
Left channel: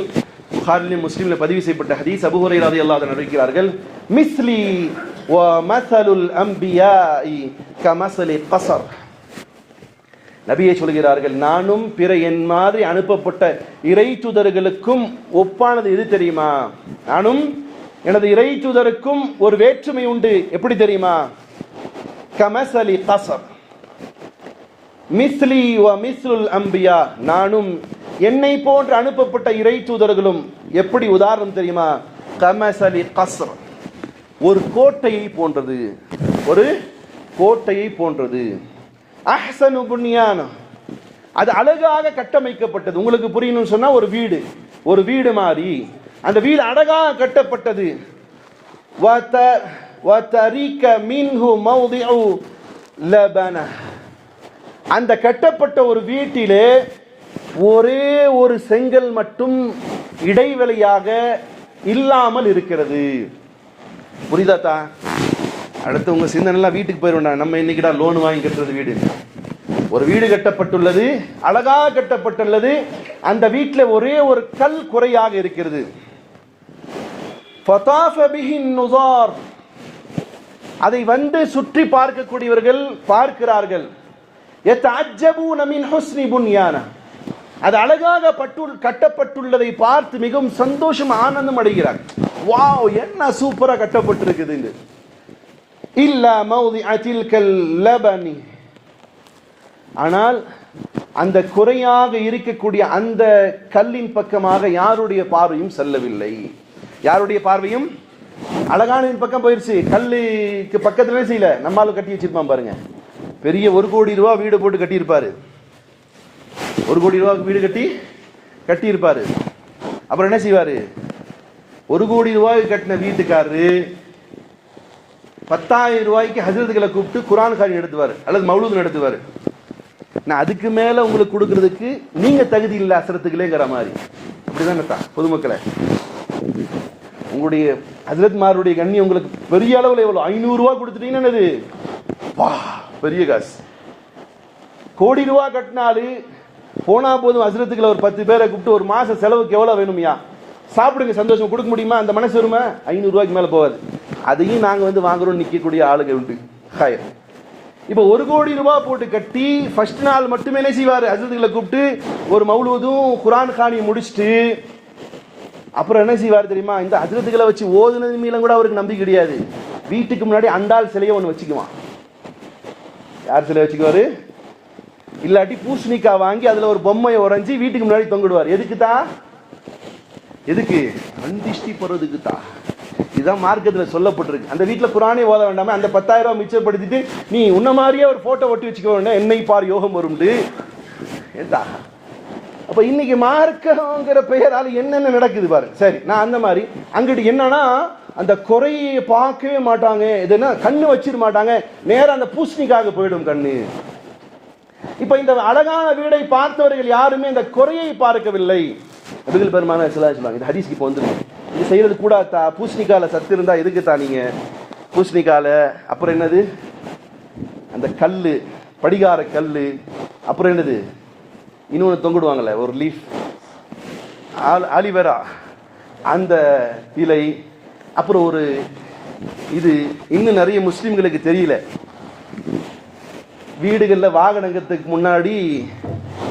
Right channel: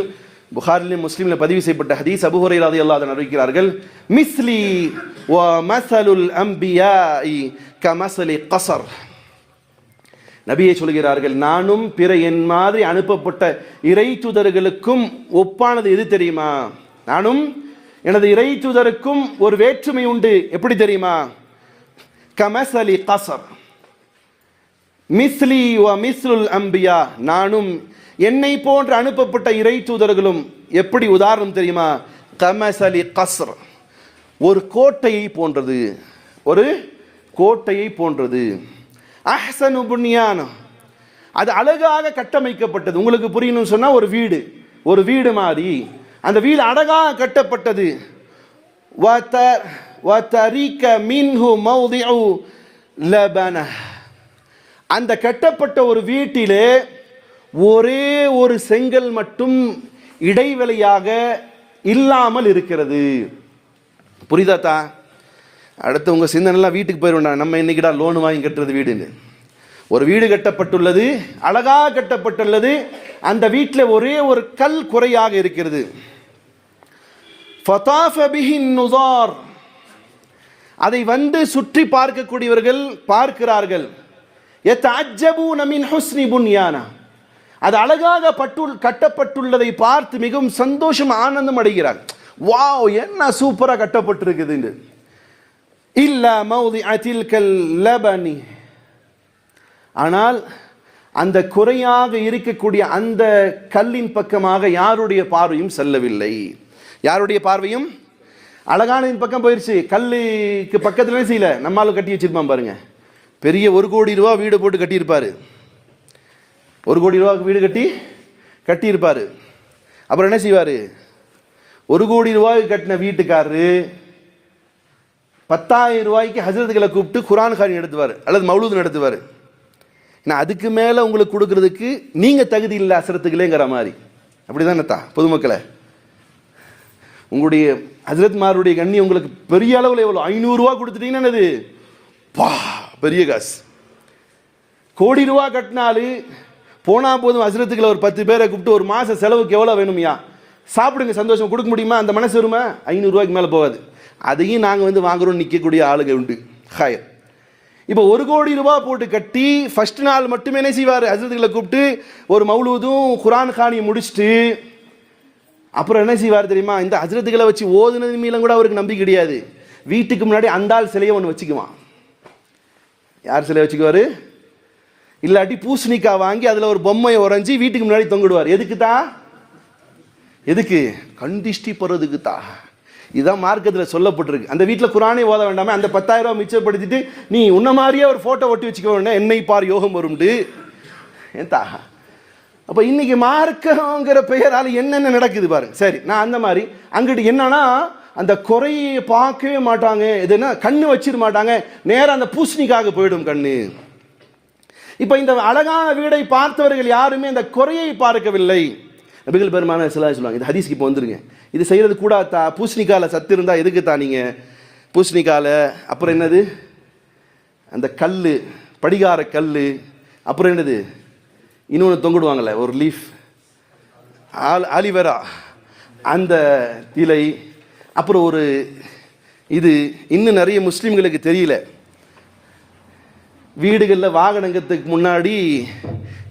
புகாரிலும் முஸ்லிமில் பதிவு செய்யப்பட்ட ஹதீஸ், அபூ ஹுரைரா ரலியல்லாஹு அன்ஹு அறிவிக்கிறார்கள், மிஸ்லி வ மஸலுல் அன்பியாஇ கமஸலி கஸர், நபியே சொல்கிறார்கள், நானும் பிற என் மாதிரி அனுப்பப்பட்ட இறை தூதர்களுக்கும் ஒப்பானது எது தெரியுமா? நானும் எனது இறை தூதருக்கும் ஒரு வேற்றுமை உண்டு. எப்படி தெரியுமா? கமஸலி கஸர், மிஸ்லி வ மிஸ்லுல் அன்பியா, நானும் என்னை போன்று அனுப்பப்பட்ட இறை தூதர்களும் எப்படி உதாரணம் தெரியுமா? கமஸலி கஸ்ர், ஒரு கோட்டையை போன்றது, ஒரு கோட்டையை போன்றது. அஹ்ஸனு புன்யான், அது அழகாக கட்டமைக்கப்பட்டது. உங்களுக்கு புரியணும்னு சொன்னா, ஒரு வீடு மாதிரி, அந்த வீடு அழகாக கட்டப்பட்டது. வதரிக மின்ஹு மௌதிஉ லபன, அந்த கட்டப்பட்ட ஒரு வீட்டிலே ஒரே ஒரு செங்கல் மட்டும் இடைவெளியாக இல்லாமல் இருக்கிறது. புரியுதாத்தா? அடுத்து உங்க சிந்தனை வீட்டுக்கு போயிடுவோம், நம்ம இன்னைக்குடா லோன் வாங்கி கட்டுறது வீடுன்னு. ஒரு வீடு கட்டப்பட்டுள்ளது, அழகாக கட்டப்பட்டுள்ளது, அந்த வீட்டில் ஒரே ஒரு கல் குறையாக இருக்கிறது. ஃபதாஃப பிஹின் நுஸார், அதை வந்து சுற்றி பார்க்கக்கூடியவர்கள் பார்க்கிறார்கள். யதஅஜ்ஜபூன மின் ஹுஸ்னி புன்யானா, அது அழகாக கட்டப்பட்டுள்ளதை பார்த்து மிகவும் சந்தோஷம், ஆனந்தம் அடைகிறார். வாவ், என்ன சூப்பரா கட்டப்பட்டிருக்குது. இல்லா மௌதிஅ தில்கல் லபனி, ஆனால் அந்த குறையாக இருக்கக்கூடிய அந்த கல்லின் பக்கமாக யாருடைய பார்வையும் செல்லவில்லை. யாருடைய பார்வையும் அழகான பக்கம் போயிருச்சு. கல்லுக்கு பக்கத்துல செய்யல, நம்மால கட்டி வச்சிருப்பான் பாருங்க. பெரிய 1 கோடி ரூபாய் வீடு போட்டு கட்டியிருப்பாரு, 1 கோடி ரூபாய்க்கு வீடு கட்டியிருப்பாரு. அப்புறம் என்ன செய்வாரு? 1 கோடி ரூபாய் கட்டின வீட்டுக்காரரு 10,000 ரூபாய்க்கு ஹஜரத்துகளை கூப்பிட்டு குரான் காரி நடத்துவார் அல்லது மௌலூத் நடத்துவார். நான் அதுக்கு மேலே உங்களுக்கு கொடுக்கறதுக்கு நீங்கள் தகுதி இல்லை அசரத்துக்குலேங்கிற மாதிரி. அப்படிதானே பொதுமக்களை, உங்களுடைய ஹஜரத்மாருடைய கண்ணி உங்களுக்கு பெரிய அளவில் எவ்வளோ 500 ரூபா கொடுத்துட்டீங்கன்னா அது பெரிய காசு. கோடி ரூபா கட்டினாலும் போனால் போதும் ஹஜரத்துக்களை ஒரு 10 பேரை கூப்பிட்டு ஒரு மாதம் செலவுக்கு எவ்வளோ வேணுமையா, சாப்பிடுங்க சந்தோஷம் கொடுக்க முடியுமா, அந்த மனசு வருமா? 500 ரூபாய்க்கு மேலே போகாது. அதையும் நாங்கள் வந்து வாங்குறோம் நிற்கக்கூடிய ஆளுங்க உண்டு. ஹாய், இப்போ 1 கோடி ரூபா போட்டு கட்டி ஃபர்ஸ்ட் நாள் மட்டுமே என்ன செய்வார், ஹஜரத்துக்களை கூப்பிட்டு ஒரு மௌலூதும் குரான் காணியை முடிச்சுட்டு அப்புறம் என்ன செய்வார் தெரியுமா, இந்த ஹஜரத்துக்களை வச்சு ஓதுனது மீலம் கூட அவருக்கு நம்பிக்கை கிடையாது. வீட்டுக்கு முன்னாடி அந்தாள் சிலையை ஒன்று வச்சுக்குவான். யார் சிலையை வச்சுக்குவார்? இல்லாட்டி பூசணிக்காய் வாங்கி அதில் ஒரு பொம்மையை உறைஞ்சி வீட்டுக்கு முன்னாடி தொங்கிடுவார். எதுக்கு தான்? எதுக்கு? கண்டிஷ்டி போகிறதுக்கு தான். இதுதான் மார்க்கத்தில் சொல்லப்பட்டிருக்கு. அந்த வீட்டில் குரானே ஓத வேண்டாமே, அந்த 10,000 ரூபா மிச்சப்படுத்திட்டு நீ உன்ன மாதிரியே ஒரு ஃபோட்டோ ஒட்டி வச்சுக்க வேண்டாம், என்னை பார் யோகம் வரும்ண்டு. ஏன்டா அப்போ இன்னைக்கு மார்க்கங்கிற பெயரால் என்னென்ன நடக்குது பாருங்க. சரி, நான் அந்த மாதிரி அங்கிட்டு என்னன்னா அந்த குறையை பார்க்கவே மாட்டாங்க, எதுனா கண்ணு வச்சிட மாட்டாங்க, நேரம் அந்த பூசணிக்காக போயிடும் கண்ணு. இப்போ இந்த அழகான வீடை பார்த்தவர்கள் யாருமே இந்த குறையை பார்க்கவில்லை. நபிகள் பெருமானார் ஸல்லல்லாஹு அலைஹி வஸல்லம் இது ஹதீஸ்க்கு இப்போ வந்துருங்க, இது செய்யறது கூட பூசணிக்கால சத்து இருந்தா எதுக்கு தான் நீங்க பூசணிக்கால, அப்புறம் என்னது அந்த கல், படிகார கல், அப்புறம் என்னது இன்னொன்று தொங்கிடுவாங்கல்ல ஒரு லீஃப், ஆலிவேரா அந்த இலை, அப்புறம் ஒரு இது இன்னும் நிறைய முஸ்லீம்களுக்கு தெரியல. வீடுகளில் வாகனத்துக்கு முன்னாடி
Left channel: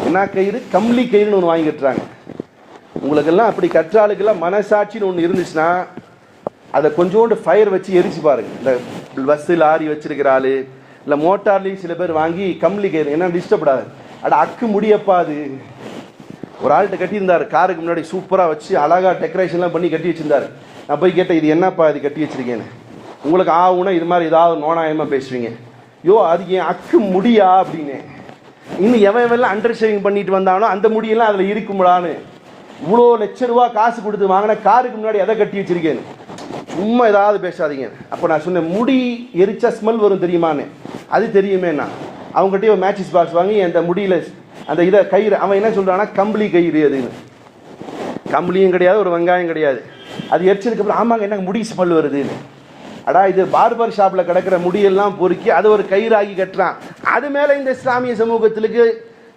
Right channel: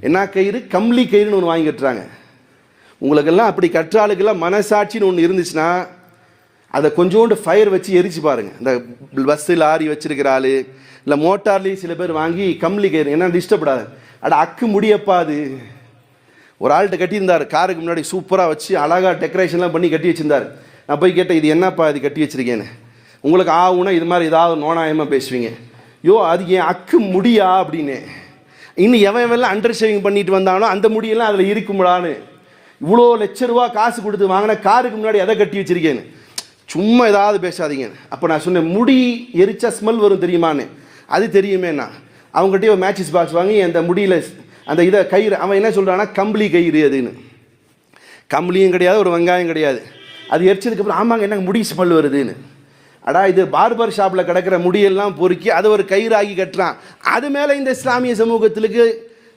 என்ன கயிறு, கம்ளி கயிறுன்னு ஒன்று வாங்கி கட்டுறாங்க. உங்களுக்கெல்லாம் அப்படி கற்றாளுக்கெல்லாம் மனசாட்சின்னு ஒன்று இருந்துச்சுன்னா அதை கொஞ்சோண்டு ஃபயர் வச்சு எரிச்சு பாருங்க. இந்த பஸ்ஸு லாரி வச்சிருக்கிற ஆள் இல்லை மோட்டார்லேயும் சில பேர் வாங்கி கம்ளி கயிறு என்ன டிஸ்டர்படாது, அட அக்கு முடியப்பா. அது ஒரு ஆள்கிட்ட கட்டியிருந்தார், காருக்கு முன்னாடி சூப்பராக வச்சு அழகாக டெக்கரேஷன்லாம் பண்ணி கட்டி வச்சிருந்தார். நான் போய் கேட்டேன், இது என்னப்பா இது கட்டி வச்சிருக்கேன்னு. உங்களுக்கு ஆகுனா இது மாதிரி ஏதாவது நோனாயமாக பேசுவீங்க. யோ அது என் அக்கு முடியா அப்படின்னு. இன்னும் எவன் அண்டர் ஷேவிங் பண்ணிட்டு வந்தாலும் அந்த முடியெல்லாம் அதில் இருக்கும்டான்னு. இவ்வளோ ₹1,00,000 காசு கொடுத்து வாங்கின காருக்கு முன்னாடி எதை கட்டி வச்சிருக்கேன்னு. சும்மா ஏதாவது பேசாதீங்க. அப்போ நான் சொன்னேன், முடி எரிச்சா ஸ்மெல் வரும் தெரியுமான்னு. அது தெரியுமேண்ணா. அவங்ககிட்டயே ஒரு மேட்சிஸ் பாக்ஸ் வாங்கி அந்த முடியில் அந்த இதை கயிறு, அவன் என்ன சொல்கிறான்னா கம்பளி கயிறு அதுன்னு. கம்பளியும் கிடையாது, ஒரு வெங்காயம் கிடையாது. அது எரிச்சதுக்கப்புறம் ஆமாங்க என்ன முடி ஸ்மெல் வருதுன்னு. அடா இது பார்பர் ஷாப்பில் கிடக்கிற முடியெல்லாம் பொறுக்கி அதை ஒரு கயிறாகி கட்டுறான். அது மேலே இந்த இஸ்லாமிய சமூகத்திற்கு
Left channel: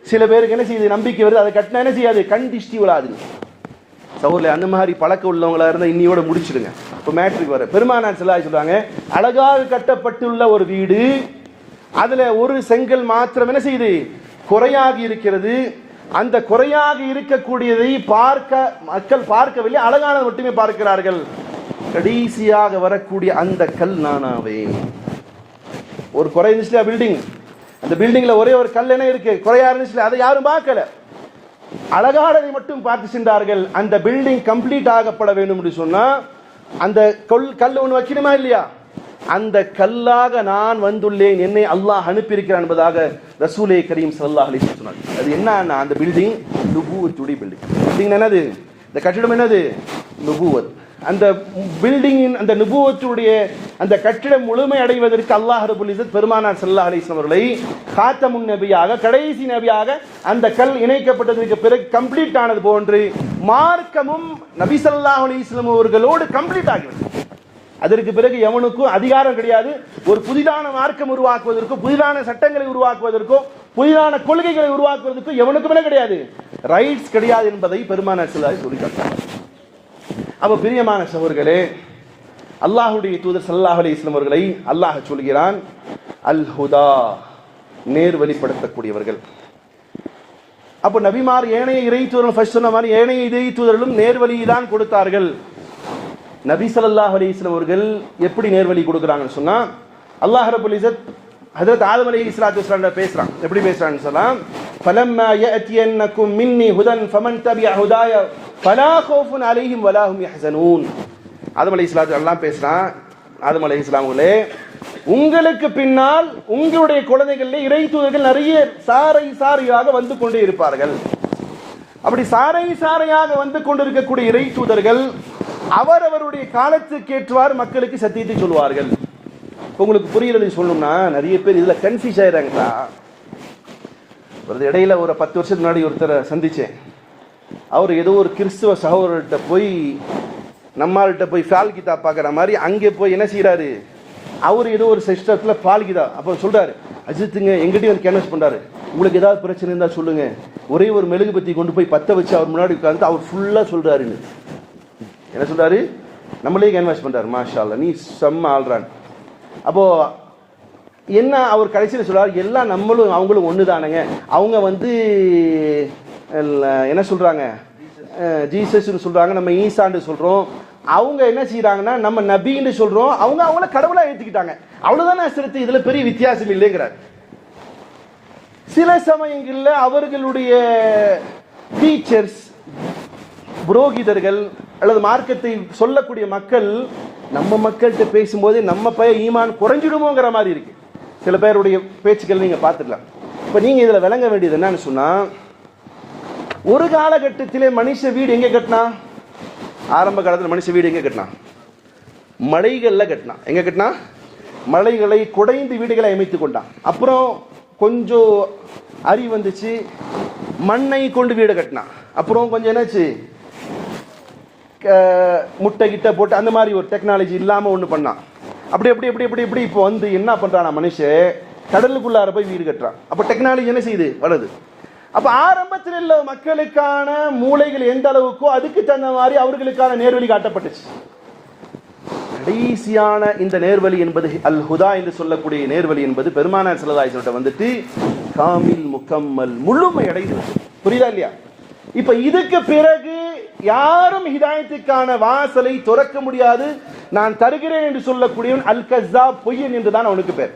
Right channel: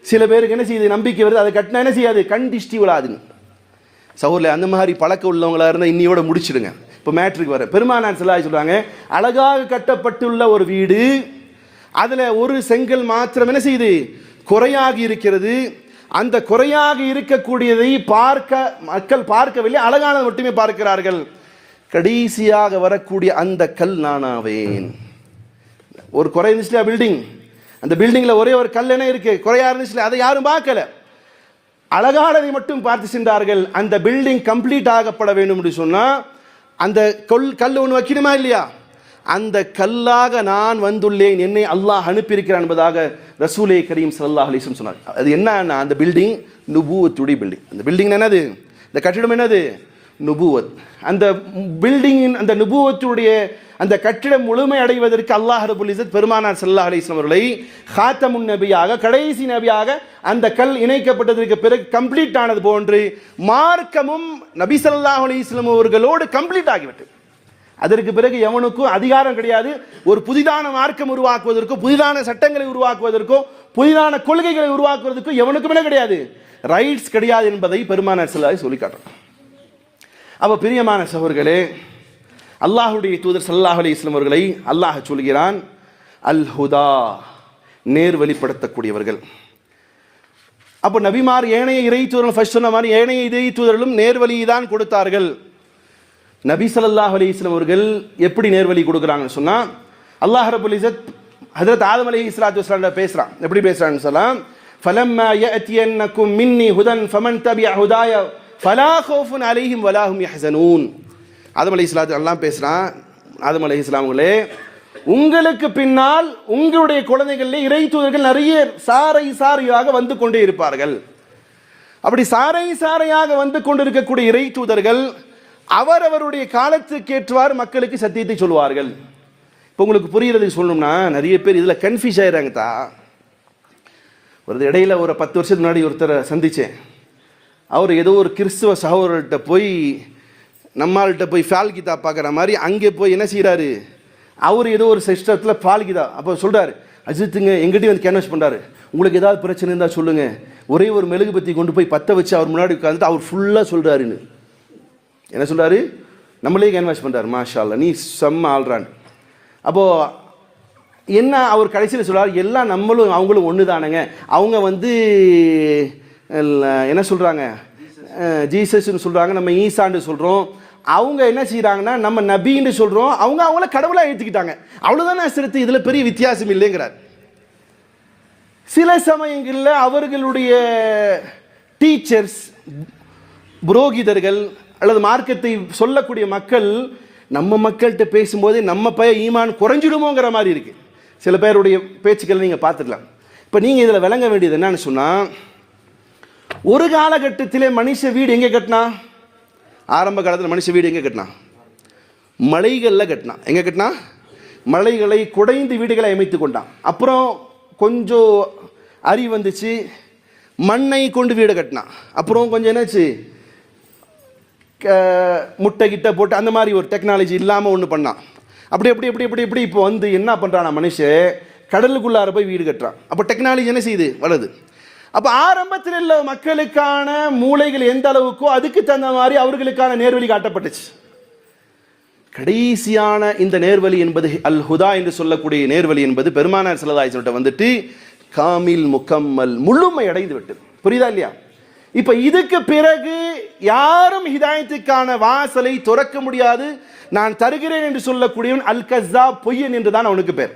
சில பேருக்கு என்ன செய்யுது, நம்பிக்கை வருது. அதை கட்டினா என்ன செய்யாது, கண் திஷ்டி விழாதுங்க. சகோதரர்களே, அந்த மாதிரி பழக்கம் உள்ளவங்களா இருந்தால் இன்னையோட முடிச்சிடுங்க. இப்போ மேட்ருக்கு வர பெருமானார் ஸல்லல்லாஹு அலைஹி வஸல்லம் சொல்றாங்க, அழகாக கட்டப்பட்டுள்ள ஒரு வீடு, அதில் ஒரு செங்கல் மாத்திரம் என்ன செய்யுது, குறையாகி இருக்கிறது. அந்த குறையாக இருக்கக்கூடியதை மக்கள் பார்க்கவில்லை, அழகானது மட்டுமே பார்க்கிறார்கள். கடைசியாக வரக்கூடிய அந்த கல் நானாவேன். ஒரு குறை இருந்துச்சு பில்டிங், அந்த பில்டிங்ல ஒரே ஒரு கல் என்ன இருக்கு, குறையா இருந்துச்சு, அதை யாரும் பார்க்கல, அழகானதை மட்டும் பார்த்து சென்றார்கள். அந்த பில்டிங் கம்ப்ளீட் ஆகப்பட வேண்டும் என்று சொன்னா அந்த கல் ஒன்று வைக்கணுமா இல்லையா, அந்த கல்லாக நான் வந்துள்ளேன், என்னை அல்லாஹ் அனுப்பியிருக்கிறான் என்பதாக ரசூலே கரீம் ஸல்லல்லாஹு அலைஹி வஸல்லம் சொன்னார். அது என்ன, அந்த பில்டிங் நுபுவத்துடைய பில்டிங். பில்டிங் என்னது, இந்த கட்டிடம் என்னது, நுபுவத். அந்த பில்டிங்கின் அந்த நுபுவத்துடைய அந்த கட்டிடம் முழுமை அடைவதற்கு அல்லாஹ் ரப்புல் இஸ்ஸத் பெருமானார் ஸல்லல்லாஹு அலைஹி வஸல்லம் அவர்களை காத்தமுன் நபியாக, கடைசி நபியாக அந்த கல் இணைக்கப்பட்டதற்கு பிறகு கம்ப்ளீட் ஆனது போன்று மார்க்கமும் நபி ஸல்லல்லாஹு அலைஹி வஸல்லம் அவர்களோடு கம்ப்ளீட் ஆகிவிட்டது. அதற்கு பிறகு எவனுக்கும் அதிகாரம் கிடையாது. ஒரு புதிதான மார்க்கம் உருவாக்குவதற்கோ, புதிதான சட்டங்களை உருவாக்குவதற்கோ, புதிதான கொள்கைகளை உருவாக்குவதற்கோ எவனுக்குமே கிடையாது, ரைட்ஸ் கிடையாது என்பதை பெருமானார் ஸல்லல்லாஹு அலைஹி வஸல்லம் சொல்லிக்காட்டார். அப்போ பிரியமான சகோதரர்களே, அல்லாஹ்வுடைய தூதர் ஸல்லல்லாஹு அலைஹி வஸல்லம் அவர்களை அல்லாஹ் சொல்கிறான், அல் ஹுதா, நேர் வழிப்படுத்தக்கூடியவர்கள். அப்போ நபிமார் ஏனைய இறை தூதர்கள் ஃபர்ஸ்ட் சொன்ன மாதிரி ஏனைய இறை தூதர்களும் நேர்வழி தான் கொடுத்தார்கள். நபி ஸல்லல்லாஹு அலைஹி வஸல்லம் அவர்கள் எப்படி நேர்வழி கொடுக்குறாங்கன்னு சொன்னா, அல்லாஹ் ரப்புல் இஸ்ஸத் ஹஜ்ரத் ஆதம் அலைஹிஸ்ஸலாத்து வஸ்ஸலாம் பேசுறான். எப்படி பேசுறான்னு சொன்னா, ஃபலம்மா யஅதியன்னகும் மின்னி ஹுதன் ஃபமன் தபிஅ ஹுதாய ஃபலா ஹௌஃபுன் அலைஹிம் வலா ஹும் யஹ்ஸனூன். ஆதம் அலைஹிஸ்ஸலாத்து அல்லாஹ் பேசுறான், ஆதம் அலைஹிஸ்ஸலாம் அவர்களே, உங்களுக்கு பின்னால் உங்களுடைய குழந்தைகளிலே இறை தூதர்கள் நிறைய சாரை சாரையாக வந்து கொண்டே இருப்பார்கள். அப்படி சாரை சாரையாக வந்து கொண்டிருக்கக்கூடிய இறை தூதர்கள் அவரவருடைய காலத்துக்கேற்றவாறு மக்களுக்கு சத்தியத்தை சொல்வார்கள். இப்போ உங்களுக்கு புரியுறதுக்கு சொல்லணும்னா நிறைய பேர் இதில் கன்ஃபியூஸ் ஆயிடுறாங்க தான். ஒரு இடையில ஒரு 10 வருஷத்துக்கு முன்னாடி ஒருத்தரை சந்தித்தேன். அவர் ஏதோ ஒரு கிறிஸ்துவ சகோதரர்கிட்ட போய் நம்மள்கிட்ட போய் ஃபால் கிதாப் பார்க்குற மாதிரி அங்கே போய் என்ன செய்கிறாரு, அவர் ஏதோ ஒரு சிஸ்டத்தில் ஃபால் கிதாப் அப்போ சொல்கிறாரு, அஜித்துங்க எங்கிட்டையும் வந்து கேன்வாஸ் பண்ணுறாரு, உங்களுக்கு ஏதாவது பிரச்சனை இருந்தால் சொல்லுங்கள், ஒரே ஒரு மெழுகுபத்தி கொண்டு போய் பற்ற வச்சு அவர் முன்னாடி உட்காந்து அவர் ஃபுல்லாக சொல்கிறாருன்னு. என்ன சொல்கிறாரு, நம்மளே கேன்வாஸ் பண்ணுறாரு, மாஷா அல்லா நீ செம்ம ஆள்றான். அப்போது என்ன அவர் கடைசியில் சொல்கிறார், எல்லாம் நம்மளும் அவங்களும் ஒன்று தானுங்க, அவங்க வந்து என்ன சொல்கிறாங்க ஜீசஸ்ன்னு சொல்கிறாங்க, நம்ம ஈசான்னு சொல்கிறோம், அவங்க என்ன செய்கிறாங்கன்னா நம்ம நபின்னு சொல்கிறோம், அவங்க அவங்கள கடவுளாக ஏற்றுக்கிட்டாங்க, அவ்வளோதானே சிறுத்து, இதில் பெரிய வித்தியாசம் இல்லைங்கிறார். சில சமயங்களில் அவர்களுடைய டீச்சர்ஸ் புரோகிதர்கள் அல்லது மார்க்கத்தை சொல்லக்கூடிய மக்கள் நம்ம மக்கள்கிட்ட பேசும்போதே நம்ம பையன் ஈமான் குறைஞ்சிடுமோங்கிற மாதிரி இருக்கு. சில பேருடைய பேச்சுக்கள் நீங்கள் பார்த்துக்கலாம். இப்போ நீங்கள் இதில் விளங்க வேண்டியது என்னன்னு சொன்னால், ஒரு காலகட்டத்திலே மனுஷ வீடு எங்கே கட்டினா, ஆரம்ப காலத்தில் மனுஷ வீடு எங்கே கட்டினா, மலைகளில் கட்டினா. எங்கே கட்டினா, மலைகளை குடைந்து வீடுகளை அமைத்து கொண்டான். அப்புறம் கொஞ்சம் அறிவு வந்துச்சு, மண்ணை கொண்டு வீடு கட்டினான். அப்புறம் கொஞ்சம் என்னாச்சு, முட்டை கிட்ட போட்டு அந்த மாதிரி ஒரு டெக்னாலஜி இல்லாமல் ஒன்று பண்ணான். அப்படி அப்படி எப்படி எப்படி எப்படி இப்போ வந்து என்ன பண்ணுறான் மனுஷன், கடலுக்குள்ளார போய் வீடு கட்டுறான். அப்போ டெக்னாலஜி என்ன செய்யுது, வளருது. அப்போ ஆரம்பத்தில் உள்ள மக்களுக்கான மூளைகள் எந்த அளவுக்கோ அதுக்கு தகுந்த மாதிரி அவர்களுக்கான நேர்வழி காட்டப்பட்டுச்சு. கடைசியான இந்த நேர்வழி என்பது அல் ஹுதா என்று சொல்லக்கூடிய நேர்வழி என்பது பெருமானார் ஸல்லல்லாஹு அலைஹி வஸல்லம் வந்துட்டு காமில் முக்கம்மல் முழுமை அடைந்து விட்டது. புரியுதா இல்லையா? இப்ப இதுக்கு பிறகு யாரும் ஹிதாயத்துக்கான வாசலை துறக்க முடியாது. நான் தருகிறேன் என்று சொல்லக்கூடியவன் அல் கஸ்ஸா, பொய்யன் என்றுதான் அவனுக்கு பேர்.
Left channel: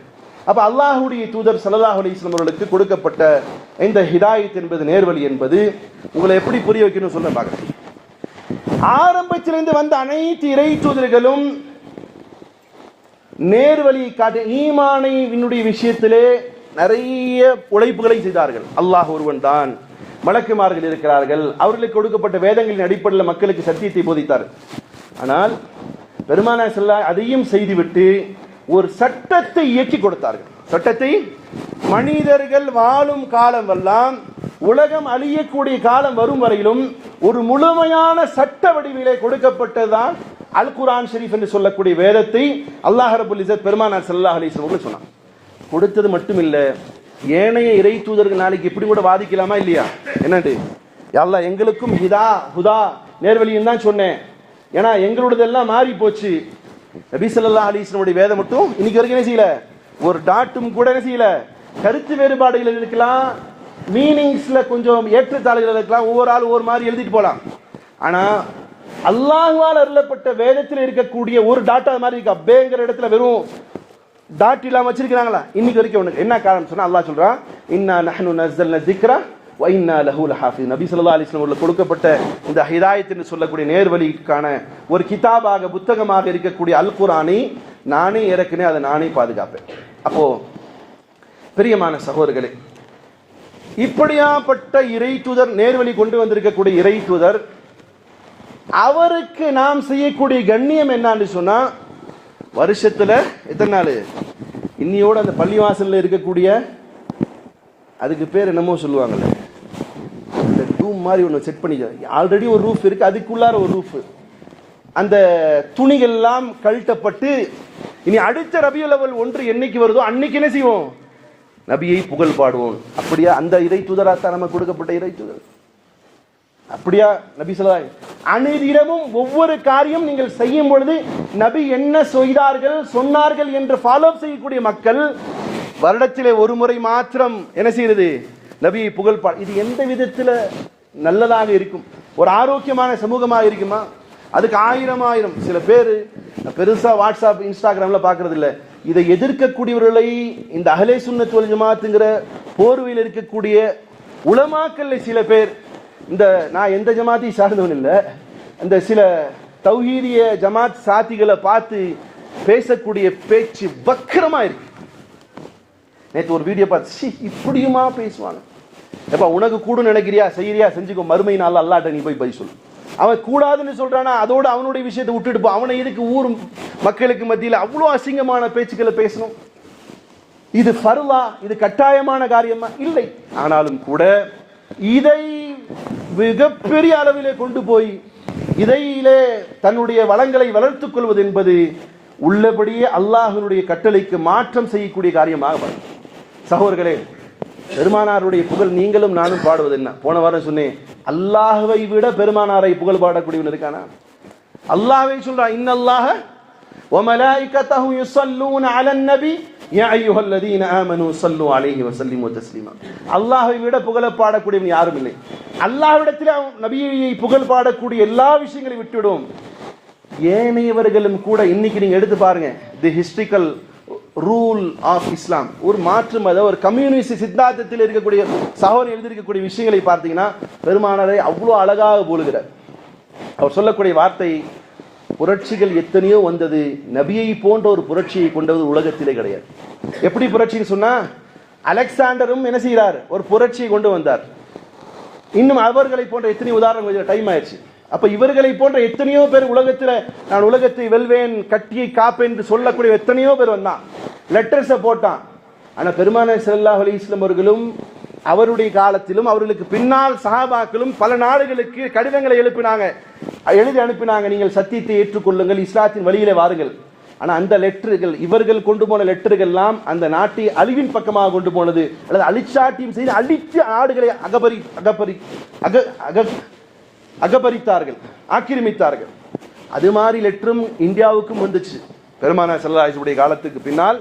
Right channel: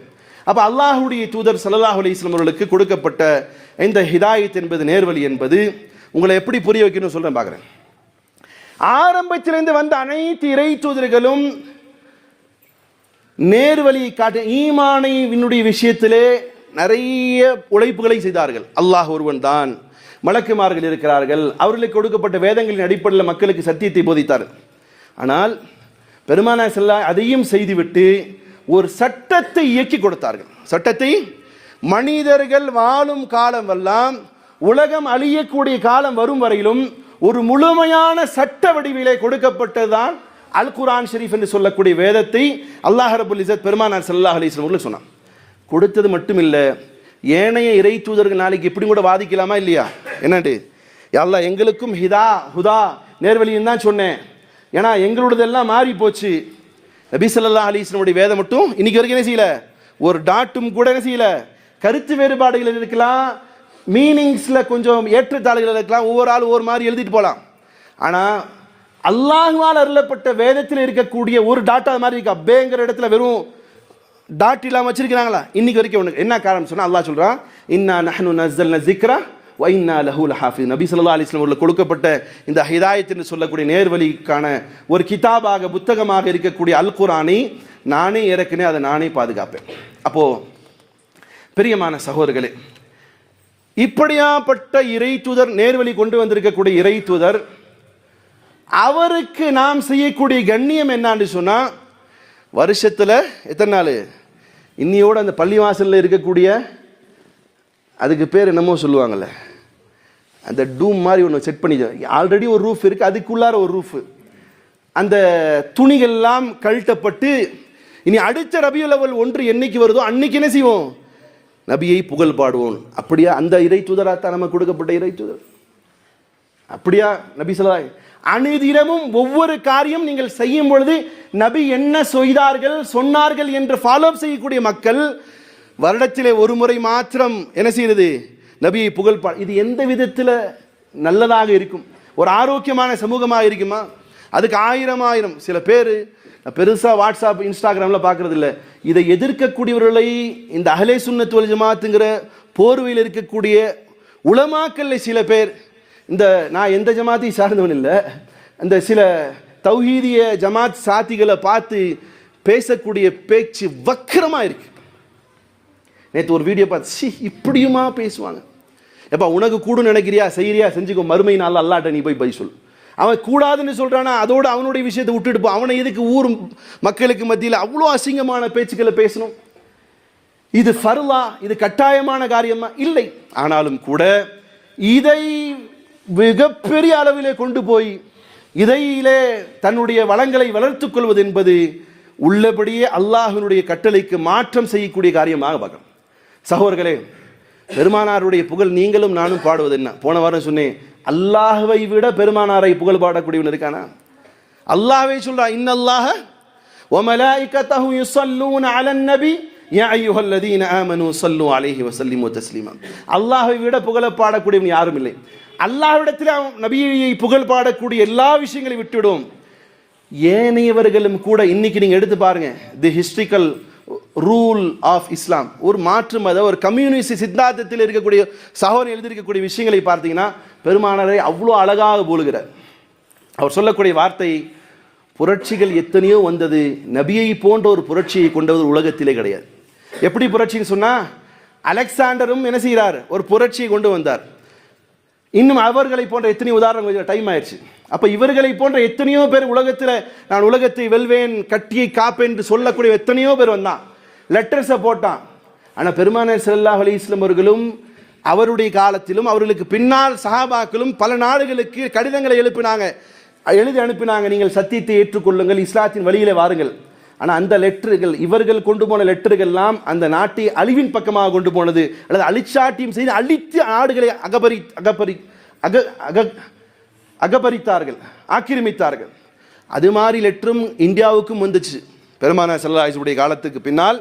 அப்ப அல்லாஹ்வுடைய தூதர் ஸல்லல்லாஹு அலைஹி வஸல்லம் அவர்களுக்கு கொடுக்கப்பட்ட இந்த ஹிதாயத் என்பது நேர்வழி என்பது உங்களை எப்படி புரிய வைக்கணும்னு சொல்றேன் பார்க்கிறேன். ஆரம்பத்திலிருந்து வந்த அனைத்து இறை தூதர்களும் நேர்வழி காட்ட ஈமானை விஷயத்திலே நிறைய உழைப்புகளை செய்தார்கள். அல்லாஹ் ஒருவன் தான், மலக்குமார்கள் இருக்கிறார்கள், அவர்களுக்கு கொடுக்கப்பட்ட வேதங்களின் அடிப்படையில் மக்களுக்கு சத்தியத்தை போதித்தார். ஆனால் பெருமானார் ஸல்லல்லாஹு அதையும் செய்துவிட்டு ஒரு சட்டத்தை இயக்கி கொடுத்தார்கள். சட்டத்தை மனிதர்கள் வாழும் காலம் எல்லாம், உலகம் அழியக்கூடிய காலம் வரும் வரையிலும் ஒரு முழுமையான சட்ட வடிவிலே கொடுக்கப்பட்டதுதான் அல் குர்ஆன் ஷரீஃப் என்று சொல்லக்கூடிய வேதத்தை அல்லாஹ் ரப்பல் இஸ்ஸத் பெருமானார் ஸல்லல்லாஹு அலைஹி வஸல்லம் அவர்கள் சொன்னார். கொடுத்தது மட்டும் இல்லை, ஏனைய இறை தூதர்கள் நாளைக்கு இப்படி கூட வாதிக்கலாமா இல்லையா? என்னட்டு அல்லாஹ் எங்களுக்கும் ஹுதா நேர்வழின்னு தான் சொன்னேன், ஏன்னா எங்களோடதெல்லாம் மாறி போச்சு. நபி ஸல்லல்லாஹு அலைஹி வஸல்லம் வேதம் மட்டும் இன்னைக்கு வரைக்கும் என்ன செய்யல, ஒரு டாட்டும் கூட என்ன செய்யல. கருத்து வேறுபாடுகள் இருக்கலாம், மீனிங்ஸ்ல கொஞ்சம் ஏற்றத்தாழ்வுகள் இருக்கலாம், ஒவ்வொரு ஆள் ஒவ்வொரு மாதிரி எழுதிட்டு போகலாம். ஆனால் அல்லாஹ்வால் அருளப்பட்ட வேதத்தில் இருக்கக்கூடிய ஒரு டாட்டா மாதிரி இருக்கு. அப்பேங்கிற இடத்துல வெறும் டாட் இல்லாமல் வச்சிருக்கிறாங்களா இன்னைக்கு வரைக்கும்? உனக்கு என்ன காரணம் சொன்னா, அல்லாஹ் சொல்றான், இன்னா நஹ்னு நஸ்ஸல்னா ஸிக்ரா வ இன்னா லஹு லஹாஃபிஸ். நபி ஸல்லல்லாஹு அலைஹி வஸல்லம் அவர்களுக்கு கொடுக்கப்பட்ட இந்த ஹிதாயத் என்று சொல்லக்கூடிய நேர்வழிக்கான ஒரு கிதாபாக, புத்தகமாக இருக்கக்கூடிய அல் குர்ஆனை நானே இறக்கினேன், அதை நானே பாதுகாப்பேன். அப்போ பிரியமான சகோதரர்களே, இப்படியாப்பட்ட இறை தூதர், நேர்வழி கொண்டு வந்திருக்கக்கூடிய இறை தூதர், அவருக்கு நாம் செய்யக்கூடிய கண்ணியம் என்னான்னு சொன்னா, வருஷத்துல எத்தனை நாள் இன்னியோட அந்த பள்ளிவாசல்ல இருக்கக்கூடிய, அதுக்கு பேர் என்னமோ சொல்லுவாங்கல்ல, அந்த டூம் மாதிரி ஒன்று செட் பண்ணி, ஆல்ரெடி ஒரு ரூஃப் இருக்கு, அதுக்குள்ளார ஒரு ரூஃப், அந்த துணிகள்லாம் கழட்டப்பட்டு இனி அடுத்த ரபியுல் அவ்வல் 1 என்னைக்கு வருதோ அன்னைக்கு என்ன செய்வோம், நபியை புகழ் பாடுவோம். அப்படியா அந்த இறை தூதராத்தான் நமக்கு கொடுக்கப்பட்ட இறை தூதர்? அப்படியா நபி ஸல்லல்லாஹு அனைதினமும் ஒவ்வொரு காரியம் நீங்கள் செய்யும் பொழுது நபி என்ன செய்தார்கள் சொன்னார்கள் என்று ஃபாலோ செய்யக்கூடிய மக்கள் வருடத்திலே ஒரு முறை மாத்திரம் என்ன செய்யறது, நபியை புகழ் இது எந்த விதத்தில் நல்லதாக இருக்கும்? ஒரு ஆரோக்கியமான சமூகமாக இருக்குமா? அதுக்கு ஆயிரம் சில பேர் பெருசா வாட்ஸ்அப் இன்ஸ்டாகிராம்ல பார்க்கறது இல்லை. இதை எதிர்க்கக்கூடியவர்களை இந்த அஹ்லே சுன்னத் வல் ஜமாத்துங்கிற போர்வையில் இருக்கக்கூடிய உலமாக்கல்ல சில பேர், இந்த நான் எந்த ஜமாத்தையும் சார்ந்தவன் இல்லை, இந்த சில தௌஹீதிய ஜமாத் சாத்திகளை பார்த்து பேசக்கூடிய பேச்சு வக்கரமா இருக்கு. நேற்று ஒரு வீடியோ பார்த்து, இப்படியுமா பேசுவாங்க? எப்பா உனக்கு கூட நினைக்கிறியா, செய்யறியா, செஞ்சுக்கோ, மறுமை நாள் அல்லாட்ட நீ போய் சொல்லு. அவன் கூடாதுன்னு சொல்றானா அதோட அவனுடைய விஷயத்தை விட்டுட்டு போ. அவனை எதுக்கு ஊர் மக்களுக்கு மத்தியில் அவ்வளோ அசிங்கமான பேச்சுக்களை பேசணும்? இது ஃபர்லா, இது கட்டாயமான காரியமா? இல்லை. ஆனாலும் கூட இதை மிகப்பெரிய அளவிலே கொண்டு போய் இதையிலே தன்னுடைய வளங்களை வளர்த்துக் கொள்வது என்பது உள்ளபடியே அல்லாஹ்வினுடைய கட்டளைக்கு மாற்றம் செய்யக்கூடிய காரியமாக வரும். சகோதரர்களே, பெருமானாருடைய புகழ் நீங்களும் நானும் பாடுவது என்ன? போன வாரம் சொன்னேன், அல்லாஹ்வை விட பெருமானாரை புகழ் பாடக்கூடியவன் இருக்கானா? அல்லாஹ்வை சொல்றான், இன்னல்லாஹ வ மலாயிகத்தஹு யுஸல்லூன அலன் நபி யா அய்யுஹல்லதீன ஆமனூ ஸல்லூ அலைஹி வஸல்லிமு தஸ்லீமா. அல்லாஹ்வை விட புகழ பாடக்கூடியவன் யாரும் இல்லை. அல்லாஹ்விடத்தில் நபியை புகழ் பாடக்கூடிய எல்லா விஷயங்களையும் விட்டுவிடுவோம். ஏனையவர்களும் கூட இன்னைக்கு நீங்க எடுத்து பாருங்க, தி ஹிஸ்டாரிக்கல் ரூல் ஆஃப் இஸ்லாம், ஒரு மாற்று மத ஒரு கம்யூனிஸ்ட் சித்தாந்தத்தில் இருக்கக்கூடிய சகோதரர் எழுதியிருக்கக்கூடிய விஷயங்களை பார்த்தீங்கன்னா பெருமானாரை அவ்வளோ அழகாக போலுகிறார். அவர் சொல்லக்கூடிய வார்த்தை, புரட்சிகள் எத்தனையோ வந்தது, நபியை போன்ற ஒரு புரட்சியை கொண்டவர் உலகத்திலே கிடையாது. எப்படி புரட்சின்னு சொன்னா, அலெக்சாண்டரும் என்ன செய்கிறார், ஒரு புரட்சியை கொண்டு வந்தார். இன்னும் அவர்களை போன்ற எத்தனையோ உதாரணம், கொஞ்சம் டைம் ஆயிடுச்சு. அப்ப இவர்களை போன்ற எத்தனையோ பேர் உலகத்தில், நான் உலகத்தை வெல்வேன், கட்டியை காப்பேன் என்று சொல்லக்கூடிய எத்தனையோ பேர் வந்தான், லெட்டர்ஸை போட்டான். ஆனால் பெருமானார் ஸல்லல்லாஹு அலைஹி வஸல்லம் அவர்களும் அவருடைய காலத்திலும் அவர்களுக்கு பின்னால் சஹாபாக்களும் பல நாடுகளுக்கு கடிதங்களை எழுதி அனுப்பினாங்க, நீங்கள் சத்தியத்தை ஏற்றுக்கொள்ளுங்கள், இஸ்லாத்தின் வழியிலே வாருங்கள். ஆனால் அந்த லெட்டர்கள், இவர்கள் கொண்டு போன லெட்டர்கள் எல்லாம் அந்த நாட்டை அழிவின் பக்கமாக கொண்டு போனது, அல்லது அழிச்சாட்டியும் செய்து அழித்த நாடுகளை அகபரித்தார்கள், ஆக்கிரமித்தார்கள். அது மாதிரி லெட்டரும் இந்தியாவுக்கும் வந்துச்சு. பெருமானார் ஸல்லல்லாஹு அலைஹி வஸல்லம் காலத்துக்கு பின்னால்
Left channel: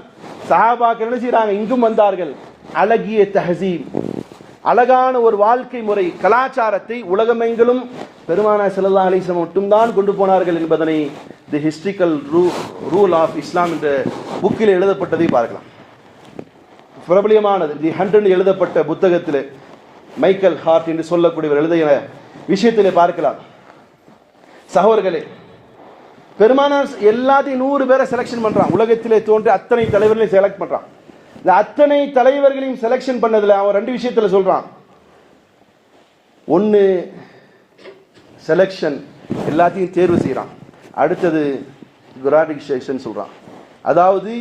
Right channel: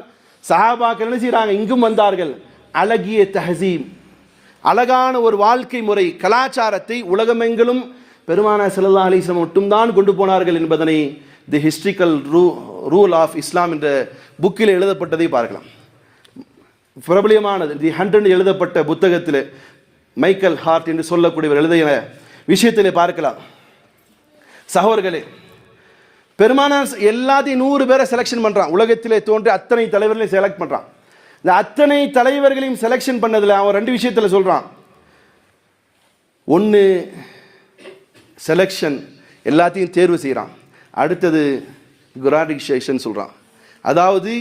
சஹாபாக்கள் என்ன செய்றாங்க, இங்கும் வந்தார்கள். அழகிய தஹசீப், அழகான ஒரு வாழ்க்கை முறை, கலாச்சாரத்தை உலகமெங்கிலும் பெருமானார் ஸல்லல்லாஹு அலைஹி வஸல்லம் மட்டும்தான் கொண்டு போனார்கள் என்பதனை தி ஹிஸ்டாரிக்கல் ரூல் ஆஃப் இஸ்லாம் என்ற புக்கில் எழுதப்பட்டதை பார்க்கலாம். பிரபலியமானது தி 100 எழுதப்பட்ட புத்தகத்தில் மைக்கேல் ஹார்ட் என்று சொல்லக்கூடியவர் எழுதிய விஷயத்திலே பார்க்கலாம். சகோதரர்களே, பெருமானார் எல்லாத்தையும் 100 பேரை செலக்ஷன் பண்றான். உலகத்திலே தோன்றி அத்தனை தலைவர்களையும் செலக்ட் பண்றான். இந்த அத்தனை தலைவர்களையும் செலக்ஷன் பண்ணதுல அவன் 2 விஷயத்துல சொல்றான். ஒன்று செலக்ஷன், எல்லாத்தையும் தேர்வு செய்யறான். அடுத்தது குராடிக்ஷேஷன் சொல்றான். அதாவது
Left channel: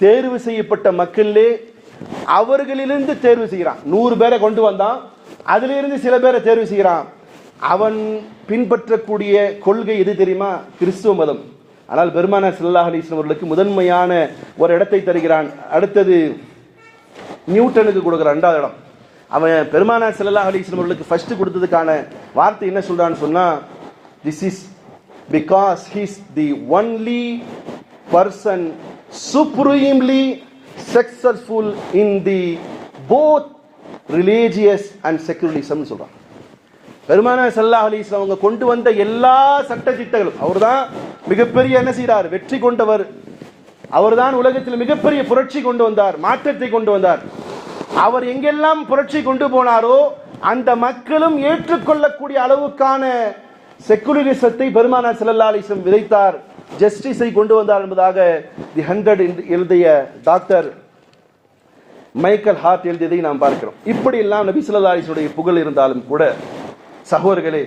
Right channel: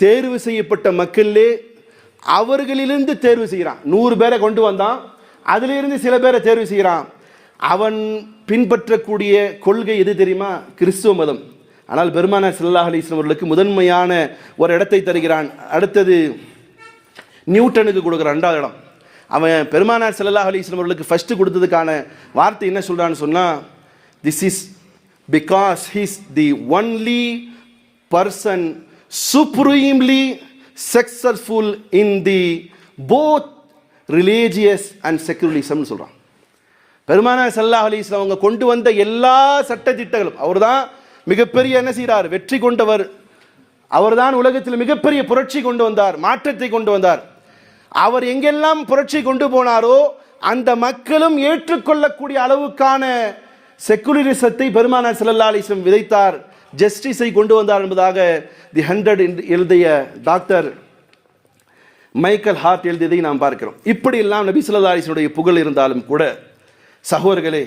தேர்வு செய்யப்பட்ட மக்களிலே அவர்களிலிருந்து தேர்வு செய்யறான். 100 பேரை கொண்டு வந்தான், அதிலிருந்து சில பேரை தேர்வு செய்யறான். அவன் பின்பற்றக்கூடிய கொள்கை எது தெரியுமா? கிறிஸ்துவ மதம். ஆனால் பெருமானார் ஸல்லல்லாஹு அலைஹி வஸல்லம் அவர்களுக்கு முதன்மையான ஒரு இடத்தை தருகிறான். அடுத்தது நியூட்டனுக்கு கொடுக்குறான் 2வது இடம். அவன் பெருமானார் ஸல்லல்லாஹு அலைஹி வஸல்லம் அவர்களுக்கு ஃபர்ஸ்ட் கொடுத்ததுக்கான வார்த்தை என்ன சொல்றான்னு சொன்னா, this is because he's the only person supremely successful in the both religious and secularism சொல்றான். பெருமானார் ஸல்லல்லாஹு அலைஹி வஸல்லம் அவங்க கொண்டு வந்த எல்லா சட்ட திட்டங்களும், அவர்தான் மிகப்பெரிய என்ன செய்கிறார், வெற்றி கொண்டவர். அவர்தான் உலகத்தில் மிகப்பெரிய புரட்சி கொண்டு வந்தார், மாற்றத்தை கொண்டு வந்தார். அவர் எங்கெல்லாம் புரட்சி கொண்டு போனாரோ அந்த மக்களும் ஏற்றுக்கொள்ளக்கூடிய அளவுக்கான செக்குலரிசத்தை பெருமானார் ஸல்லல்லாஹு அலைஹி வஸல்லம் விதைத்தார், ஜஸ்டிஸை கொண்டு வந்தார் என்பதாக தி 100 எழுதிய டாக்டர் மைக்கேல் ஹார்ட் எழுதியதை நாம் பார்க்கிறோம். இப்படி எல்லாம் நபி ஸல்லல்லாஹு அலைஹி வஸல்லம் புகழ் இருந்தாலும் கூட சகோதரர்களே,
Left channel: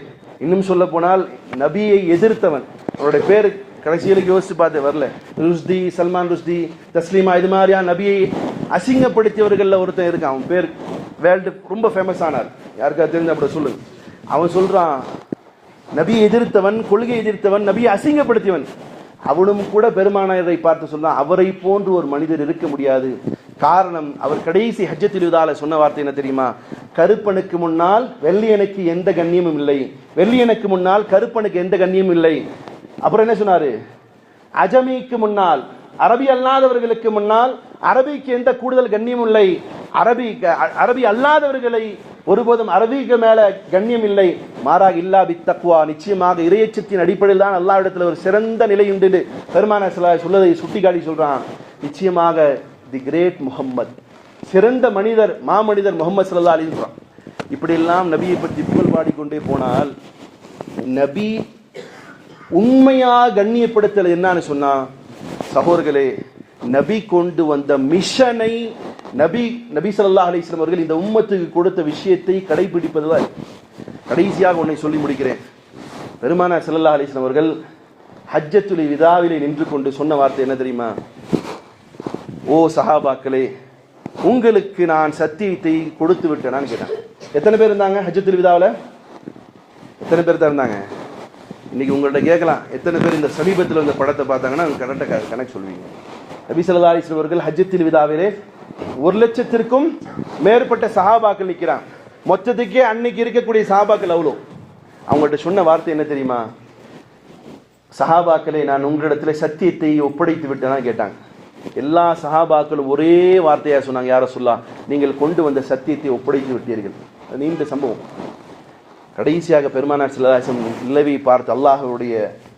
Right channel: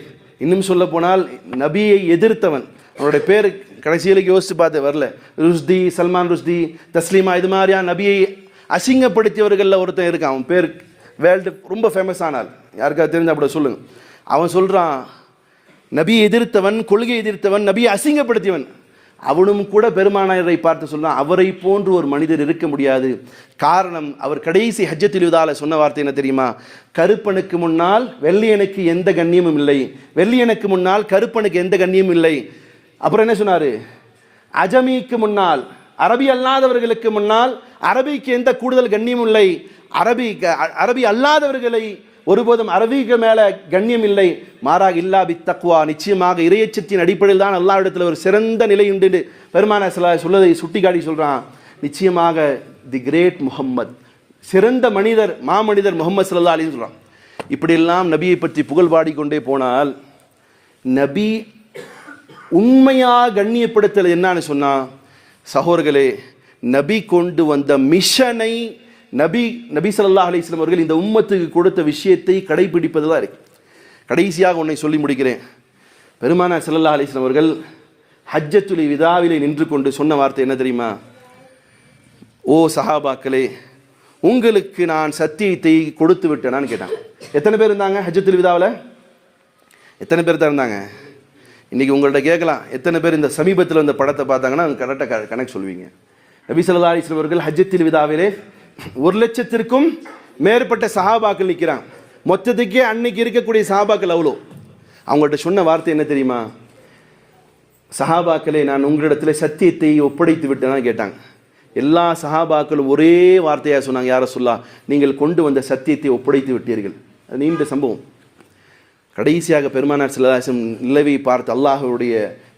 இன்னும் சொல்ல போனால் நபியை எதிர்த்தவன், அவருடைய பேர் கடைசியில் யோசித்து பார்த்து வரல, ருஷ்தி, சல்மான் ருஷ்தி, தஸ்லீமா, இது மாதிரியா நபியை அசிங்கப்படுத்தியவர்களில் ஒருத்தன் இருக்கான். அவன் பேர் வேர்ல்டு ரொம்ப ஃபேமஸ் ஆனார், யாருக்காவது தெரிஞ்ச அப்படி சொல்லுங்க. அவன் சொல்றான், நபியை எதிர்த்தவன், கொள்கை எதிர்த்தவன், நபியை அசிங்கப்படுத்தியவன். அவனும் கூட பெருமானாரை பார்த்து சொல்றான், அவரை போன்று ஒரு மனிதர் இருக்க முடியாது. காரணம், அவர் கடைசி ஹஜ்ஜத்துல் விதால சொன்ன வார்த்தை என்ன தெரியுமா? கருப்பனுக்கு முன்னால் வெள்ளையனுக்கு எந்த கண்ணியமும் இல்லை, வெள்ளையனுக்கு முன்னால் கருப்பனுக்கு எந்த கண்ணியமும் இல்லை. அப்புறம் என்ன சொன்னாரு? அஜமிக்கு முன்னால், அரபி அல்லாதவர்களுக்கு முன்னால் அரபிக்கு எந்த கூடுதல் கண்ணியமும் இல்லை, அரபி அல்லாதவர்களை ஒருபோதும் அரபிக்கு மேல கண்ணியம் இல்லை, மாறாக இல்லா பி தக்வா, நிச்சயமாக இறையச்சத்தின் அடிப்படையில் தான் அல்லாஹ்விடத்தில் ஒரு சிறந்த நிலை உண்டு பெருமானார் ஸல்லல்லாஹு அலைஹி சொல்லதை சுட்டிக்காட்டி சொல்றான். நிச்சயமாக தி கிரேட் முஹம்மத், சிறந்த மனிதர், மாமனிதர் முஹம்மது ஸல்லல்லாஹு அலைஹி வஸல்லம். இப்படியெல்லாம் நபியை பற்றி புகழ் பாடிக்கொண்டே போனால், நபி உண்மையாக கண்ணியப்படுத்தல் என்னன்னு சொன்னா, சகோதரர்களே, நபி கொண்டு வந்த மிஷனை, நபி ஸல்லல்லாஹு அலைஹி வஸல்லம் அவர்கள் இந்த உம்மத்துக்கு கொடுத்த விஷயத்தை கடைபிடிப்பதுதான். கடைசியாக உன்னை சொல்லி முடிக்கிறேன். பெருமானார் ஸல்லல்லாஹு அலைஹி வஸல்லம் அவர்கள் ஹஜ்ஜத்துல் விதாவிலே நின்று கொண்டு சொன்ன வார்த்தை என்ன தெரியுமா? ஓ சஹாபாக்களே, உங்களுக்கு நான் சத்தியத்தை கொடுத்து விட்டேனான்னு கேட்டாங்க. எத்தனை பேர் இருந்தாங்க ஹஜ்ஜத்துல் விதாவில்? எத்தனை பேர் தான் இருந்தாங்க? இன்றைக்கி உங்கள்கிட்ட கேட்கலாம், எத்தனை பேர் இந்த சமீபத்தில் இந்த படத்தை பார்த்தாங்கன்னா கரெக்டாக கணக்கு சொல்வீங்க. நபி ஸல்லல்லாஹு அலைஹி வஸல்லம் அவர்கள் ஹஜ்ஜத்துல் விதாவிலே 1,00,000க்கும் மேற்பட்ட சஹாபாக்கள் நிற்கிறான். மொத்தத்துக்கே அன்னைக்கு இருக்கக்கூடிய சஹாபாக்கள் அவ்வளோ. அவங்கள்ட்ட சொன்ன வார்த்தை என்ன தெரியுமா? சஹாபாக்களே, நான் உங்களிடத்தில் சத்தியத்தை ஒப்படைத்து விட்டேன்னா கேட்டாங்க. எல்லா சஹாபாக்களும் ஒரே வார்த்தையாக சொன்னாங்க, யார சொல்லா, நீங்கள் கொண்டு வந்த சத்தியத்தை ஒப்படைத்து விட்டீர்கள். நீண்ட சம்பவம். கடைசியாக பெருமானார் ஸல்லல்லாஹு அலைஹி வஸல்லம் நிலவை பார்த்து, அல்லாஹுடைய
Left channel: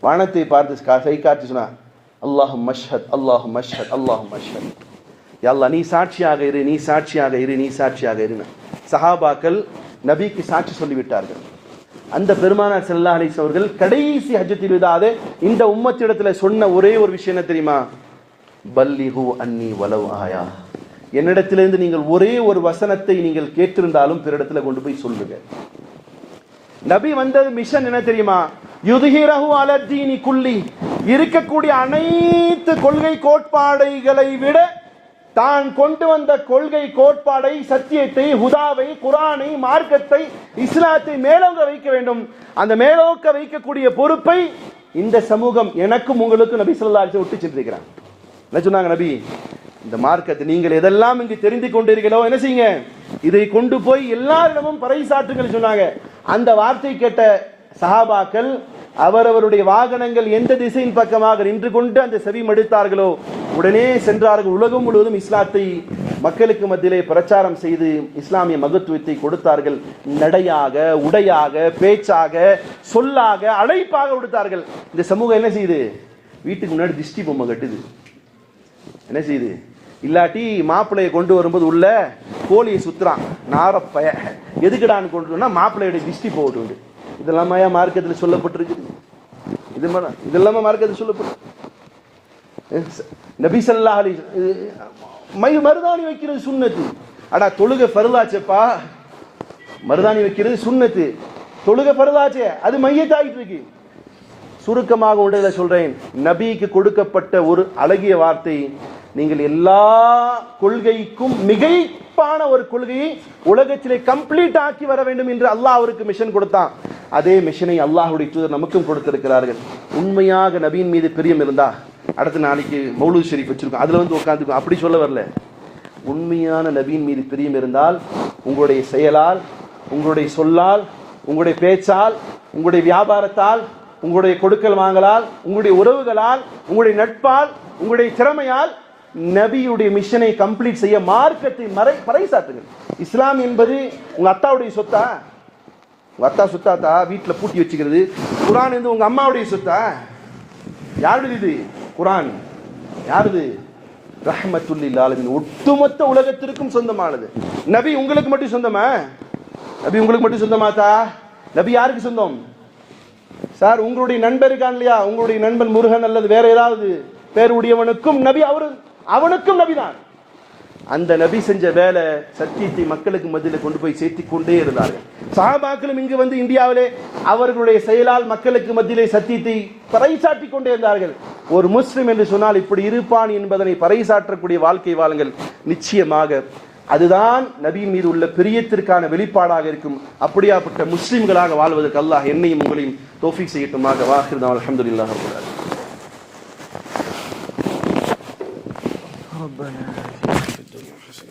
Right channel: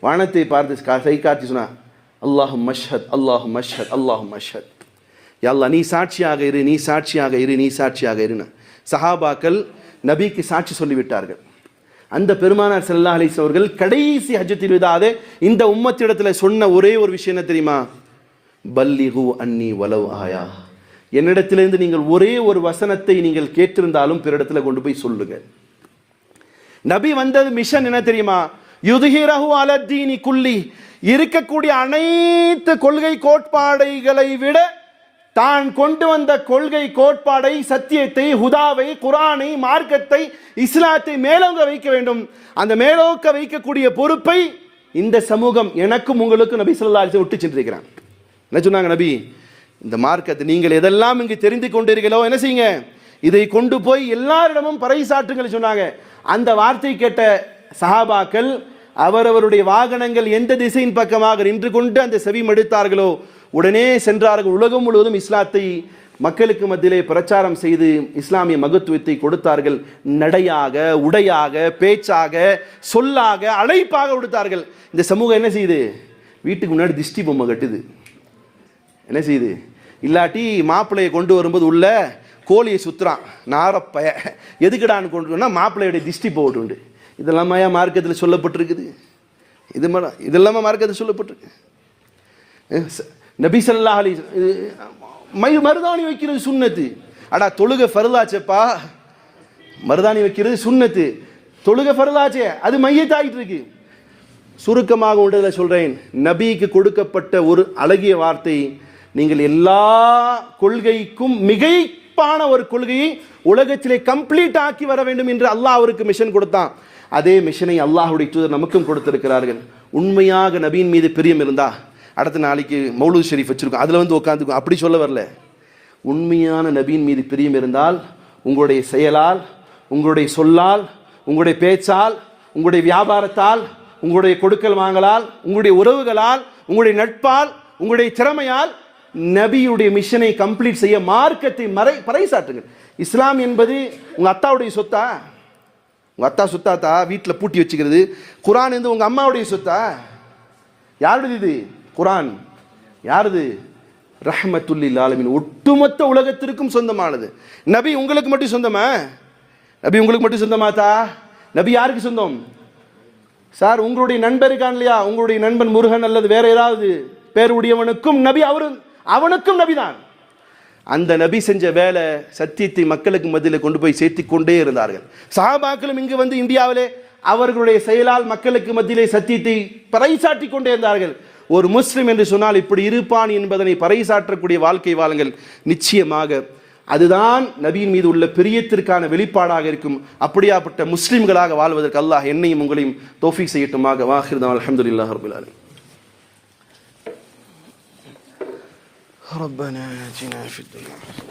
வானத்தை பார்த்து கை காட்டி சொன்னார், அல்லாஹு மஷ்ஹத், அல்லாஹு மஷ்ஹத், அல்லாஹு மஷ்ஹத். யா அல்லாஹ், நீ சாட்சியாக இரு, நீ சாட்சியாக இரு, நீ சாட்சியாக இருன்னு சஹாபாக்கள் நபிக்கு சாட்சி சொல்லிவிட்டார்கள். அந்த பெருமானார் ஸல்லல்லாஹு அலைஹி வஸல்லம் அவர்கள் கடைசி ஹஜ்ஜத்துல் விதாவே இந்த உம்மத்திடத்தில் சொன்ன ஒரே ஒரு விஷயம் என்ன தெரியுமா? பல்லிகு அன்னி வலவ் ஆயா, என்னிடத்திலிருந்து நீங்கள் ஒரே ஒரு வசனத்தை நீங்கள் கேட்டிருந்தாலும் பிறரிடத்தில் கொண்டு போய் சொல்லுங்க. நபி வந்தது மிஷன் என்ன தெரியுமா? யுத்ஹிரஹு அலத்தீனி குல்லி, இருக்கக்கூடிய அனைத்து கொள்கை கோட்பாடுகளை விட தான் கொண்டு வந்த கொள்கை கோட்பாடை, சத்தியத்தை, ஹுதாவை, குரானை, மார்க்கத்தை, இஸ்லாத்தை மேலோங்க வைக்க வேண்டும். அந்த மேலோக்க வைக்கக்கூடிய பொறுப்பை இந்த சமூகம் எனக்கும் உங்களுக்கும் நபி ஸல்லல்லாஹு அலைஹி வஸல்லம் விட்டு சென்றிருக்கிறான். என்ன சொன்னாங்க நபி? இந்த மார்க்கத்தை நீங்கள் எதெல்லாம் இங்கு தெரிந்து கொண்டீர்களோ என்ன செய்யுங்க, இதை கொண்டு போய் எல்லாரிடமும் பறைசாற்றுங்கள் சொன்னாங்க. அந்த வார்த்தை கேட்ட சஹாபாக்கள் அவரவருடைய வாகனங்கள் எந்த திசையின் பக்கமாக நின்று கொண்டு அந்த செவி மடுத்தார்களோ உடனே சென்றார்கள். உலகம் முழுவதும் இஸ்லாத்தை மக்களுக்கு மத்தியிலே பிரச்சாரம் செய்து இஸ்லாமிய மகத்துவத்தை கொடுத்தார்கள். நடையாக, உடையாக, பேச்சாக, சொல்லாக, அழைப்பாக கொடுத்தார்கள். இந்த சமூகம் என்ன செய்யுது? வீட்டுக்கு முன்னாடி திஷ்டி பொம்மை கட்டுது. என்ன செய்யுது? இல்லாட்டி மாப்பிள்ளையை கொண்டு வரும்போது உள்ள கோழியை சுத்துறான், நாரப்பய எதுக்குடான்னு கொண்டு மாப்பிள்ளையுடைய திஷ்டி போட்டு. இதெல்லாம் மார்க்கத்தில் சொல்லப்பட்டிருக்குது. இதெல்லாம மார்க்கத்தில் சொல்லப்பட்டிருக்கு. நபி ஸல்லல்லாஹு அலைஹி வஸல்லம் மருதாணி வைக்கிறது சுன்னத்து. அடா தொழுகை ஃபர்லாச்சேப்பா, மருதாணி வைக்கிறது சுன்னத்து, தொழுகை ஃபர்லாச்சே, அது மையத்தாயிட்டு இருக்கு. சுருக்கமாக ஒன்றில் சொல்றேன், நபிக்கு கொடுக்கப்பட்ட ஒரு அழகிய வார்த்தை, நீங்கள் எல்லா கொள்கைக்கும் மிகைப்பான ஒரு கொள்கையை உலகத்திலே கம்ப்ளீட் ஆக்கி வர வேண்டும் என்று அல்லாஹ் அவருக்கு மிஷன் கொடுத்தான். அதே மிஷனை அல்லாஹ்வுடைய தூதர் நமக்கும் கொடுத்திருக்கிறார்கள். உண்மையாக நபியின் மீது பிரியம் இருந்தா அடுத்த நாளைக்கு மௌலூத் ஷரீஃப் வச்சிருக்கோம், அதில் வந்து உட்காந்துக்கும், அப்படி சொல்ல வரல. உண்மையான நபியின் மீது பிரியம் இருந்தால் உங்களுடைய செயலால், உங்களுடைய சொல்லால், உங்களுடைய பேச்சால், உங்களுடைய வியாபாரத்தால், உங்களுடைய கொடுக்கல் வாங்கலால், உங்களுடைய உறவுகளால், உங்களுடைய நட்பால், உங்களுடைய திறமையால் நபியுடைய மிஷனை கம்ப்ளீட் செய்ய மார்க்கத்தை பறைசாற்றுங்கள். இஸ்லாம் என்பது உங்க அத்தாவுடைய சொத்தா? உங்க அத்தா சொத்தாத்தா வீட்டில் பூட்டி வச்சுக்கிறது. குரான் வந்து உங்க அம்மாவுடைய சொத்தா? யாருடைய இது குரான்? யாருது? ரஹ்மத்துல் லில் ஆலமீன், ஒட்டுமொத்த உலகத்திற்கும் சொந்தமானது. நபி உங்களுக்கு மட்டும் சொந்தமா? நபி உங்களுக்கு மட்டும் சொந்தமாத்தா? நபி யாருக்கு சொந்தம் சார்? உங்களுடைய நண்பர் இருக்கான் இல்லையா, உங்களுடைய நண்பன் முருகன் அல்லது வேற ஏதாவது பேருடையவனுக்கும் நபி, அவனுக்கும் நபி தான். அந்த நபி செஞ்ச வேலை சத்தியத்தை மக்களுக்கு மத்தியில் கொண்டு போய் சேர்த்து கொண்டே இருந்தார்கள். சஹாபாக்களும் இங்கு வந்து இந்தியாவிலே அவர்களுடைய செயலால் மக்களுக்கு மத்தியிலே சத்தியத்தை பறைசாற்றி கொண்டே இருந்தார்கள். ஒரு முஸ்லிம் என்று சொன்னால் இப்படி இருப்பான் என்பதனை பறைசாற்றக்கூடிய வாழ்க்கை வாழுங்கள். நிச்சயமாக அதுதான் நபியின் மீது உள்ள பிரியத்திற்கான வெளிப்பாடாக இருக்கும். அப்படியாப்பட்ட முஸ்லிம்களாக வாழ்வதற்கு அல்லாஹ் என்னையும் உங்களையும் தௌஃபீக் செய்யட்டுமாக. வாஹிர் அல்ஹம்துலில்லாஹ் ரப்பில் ஆலமீன். ربنا آتنا في الدنيا حسنة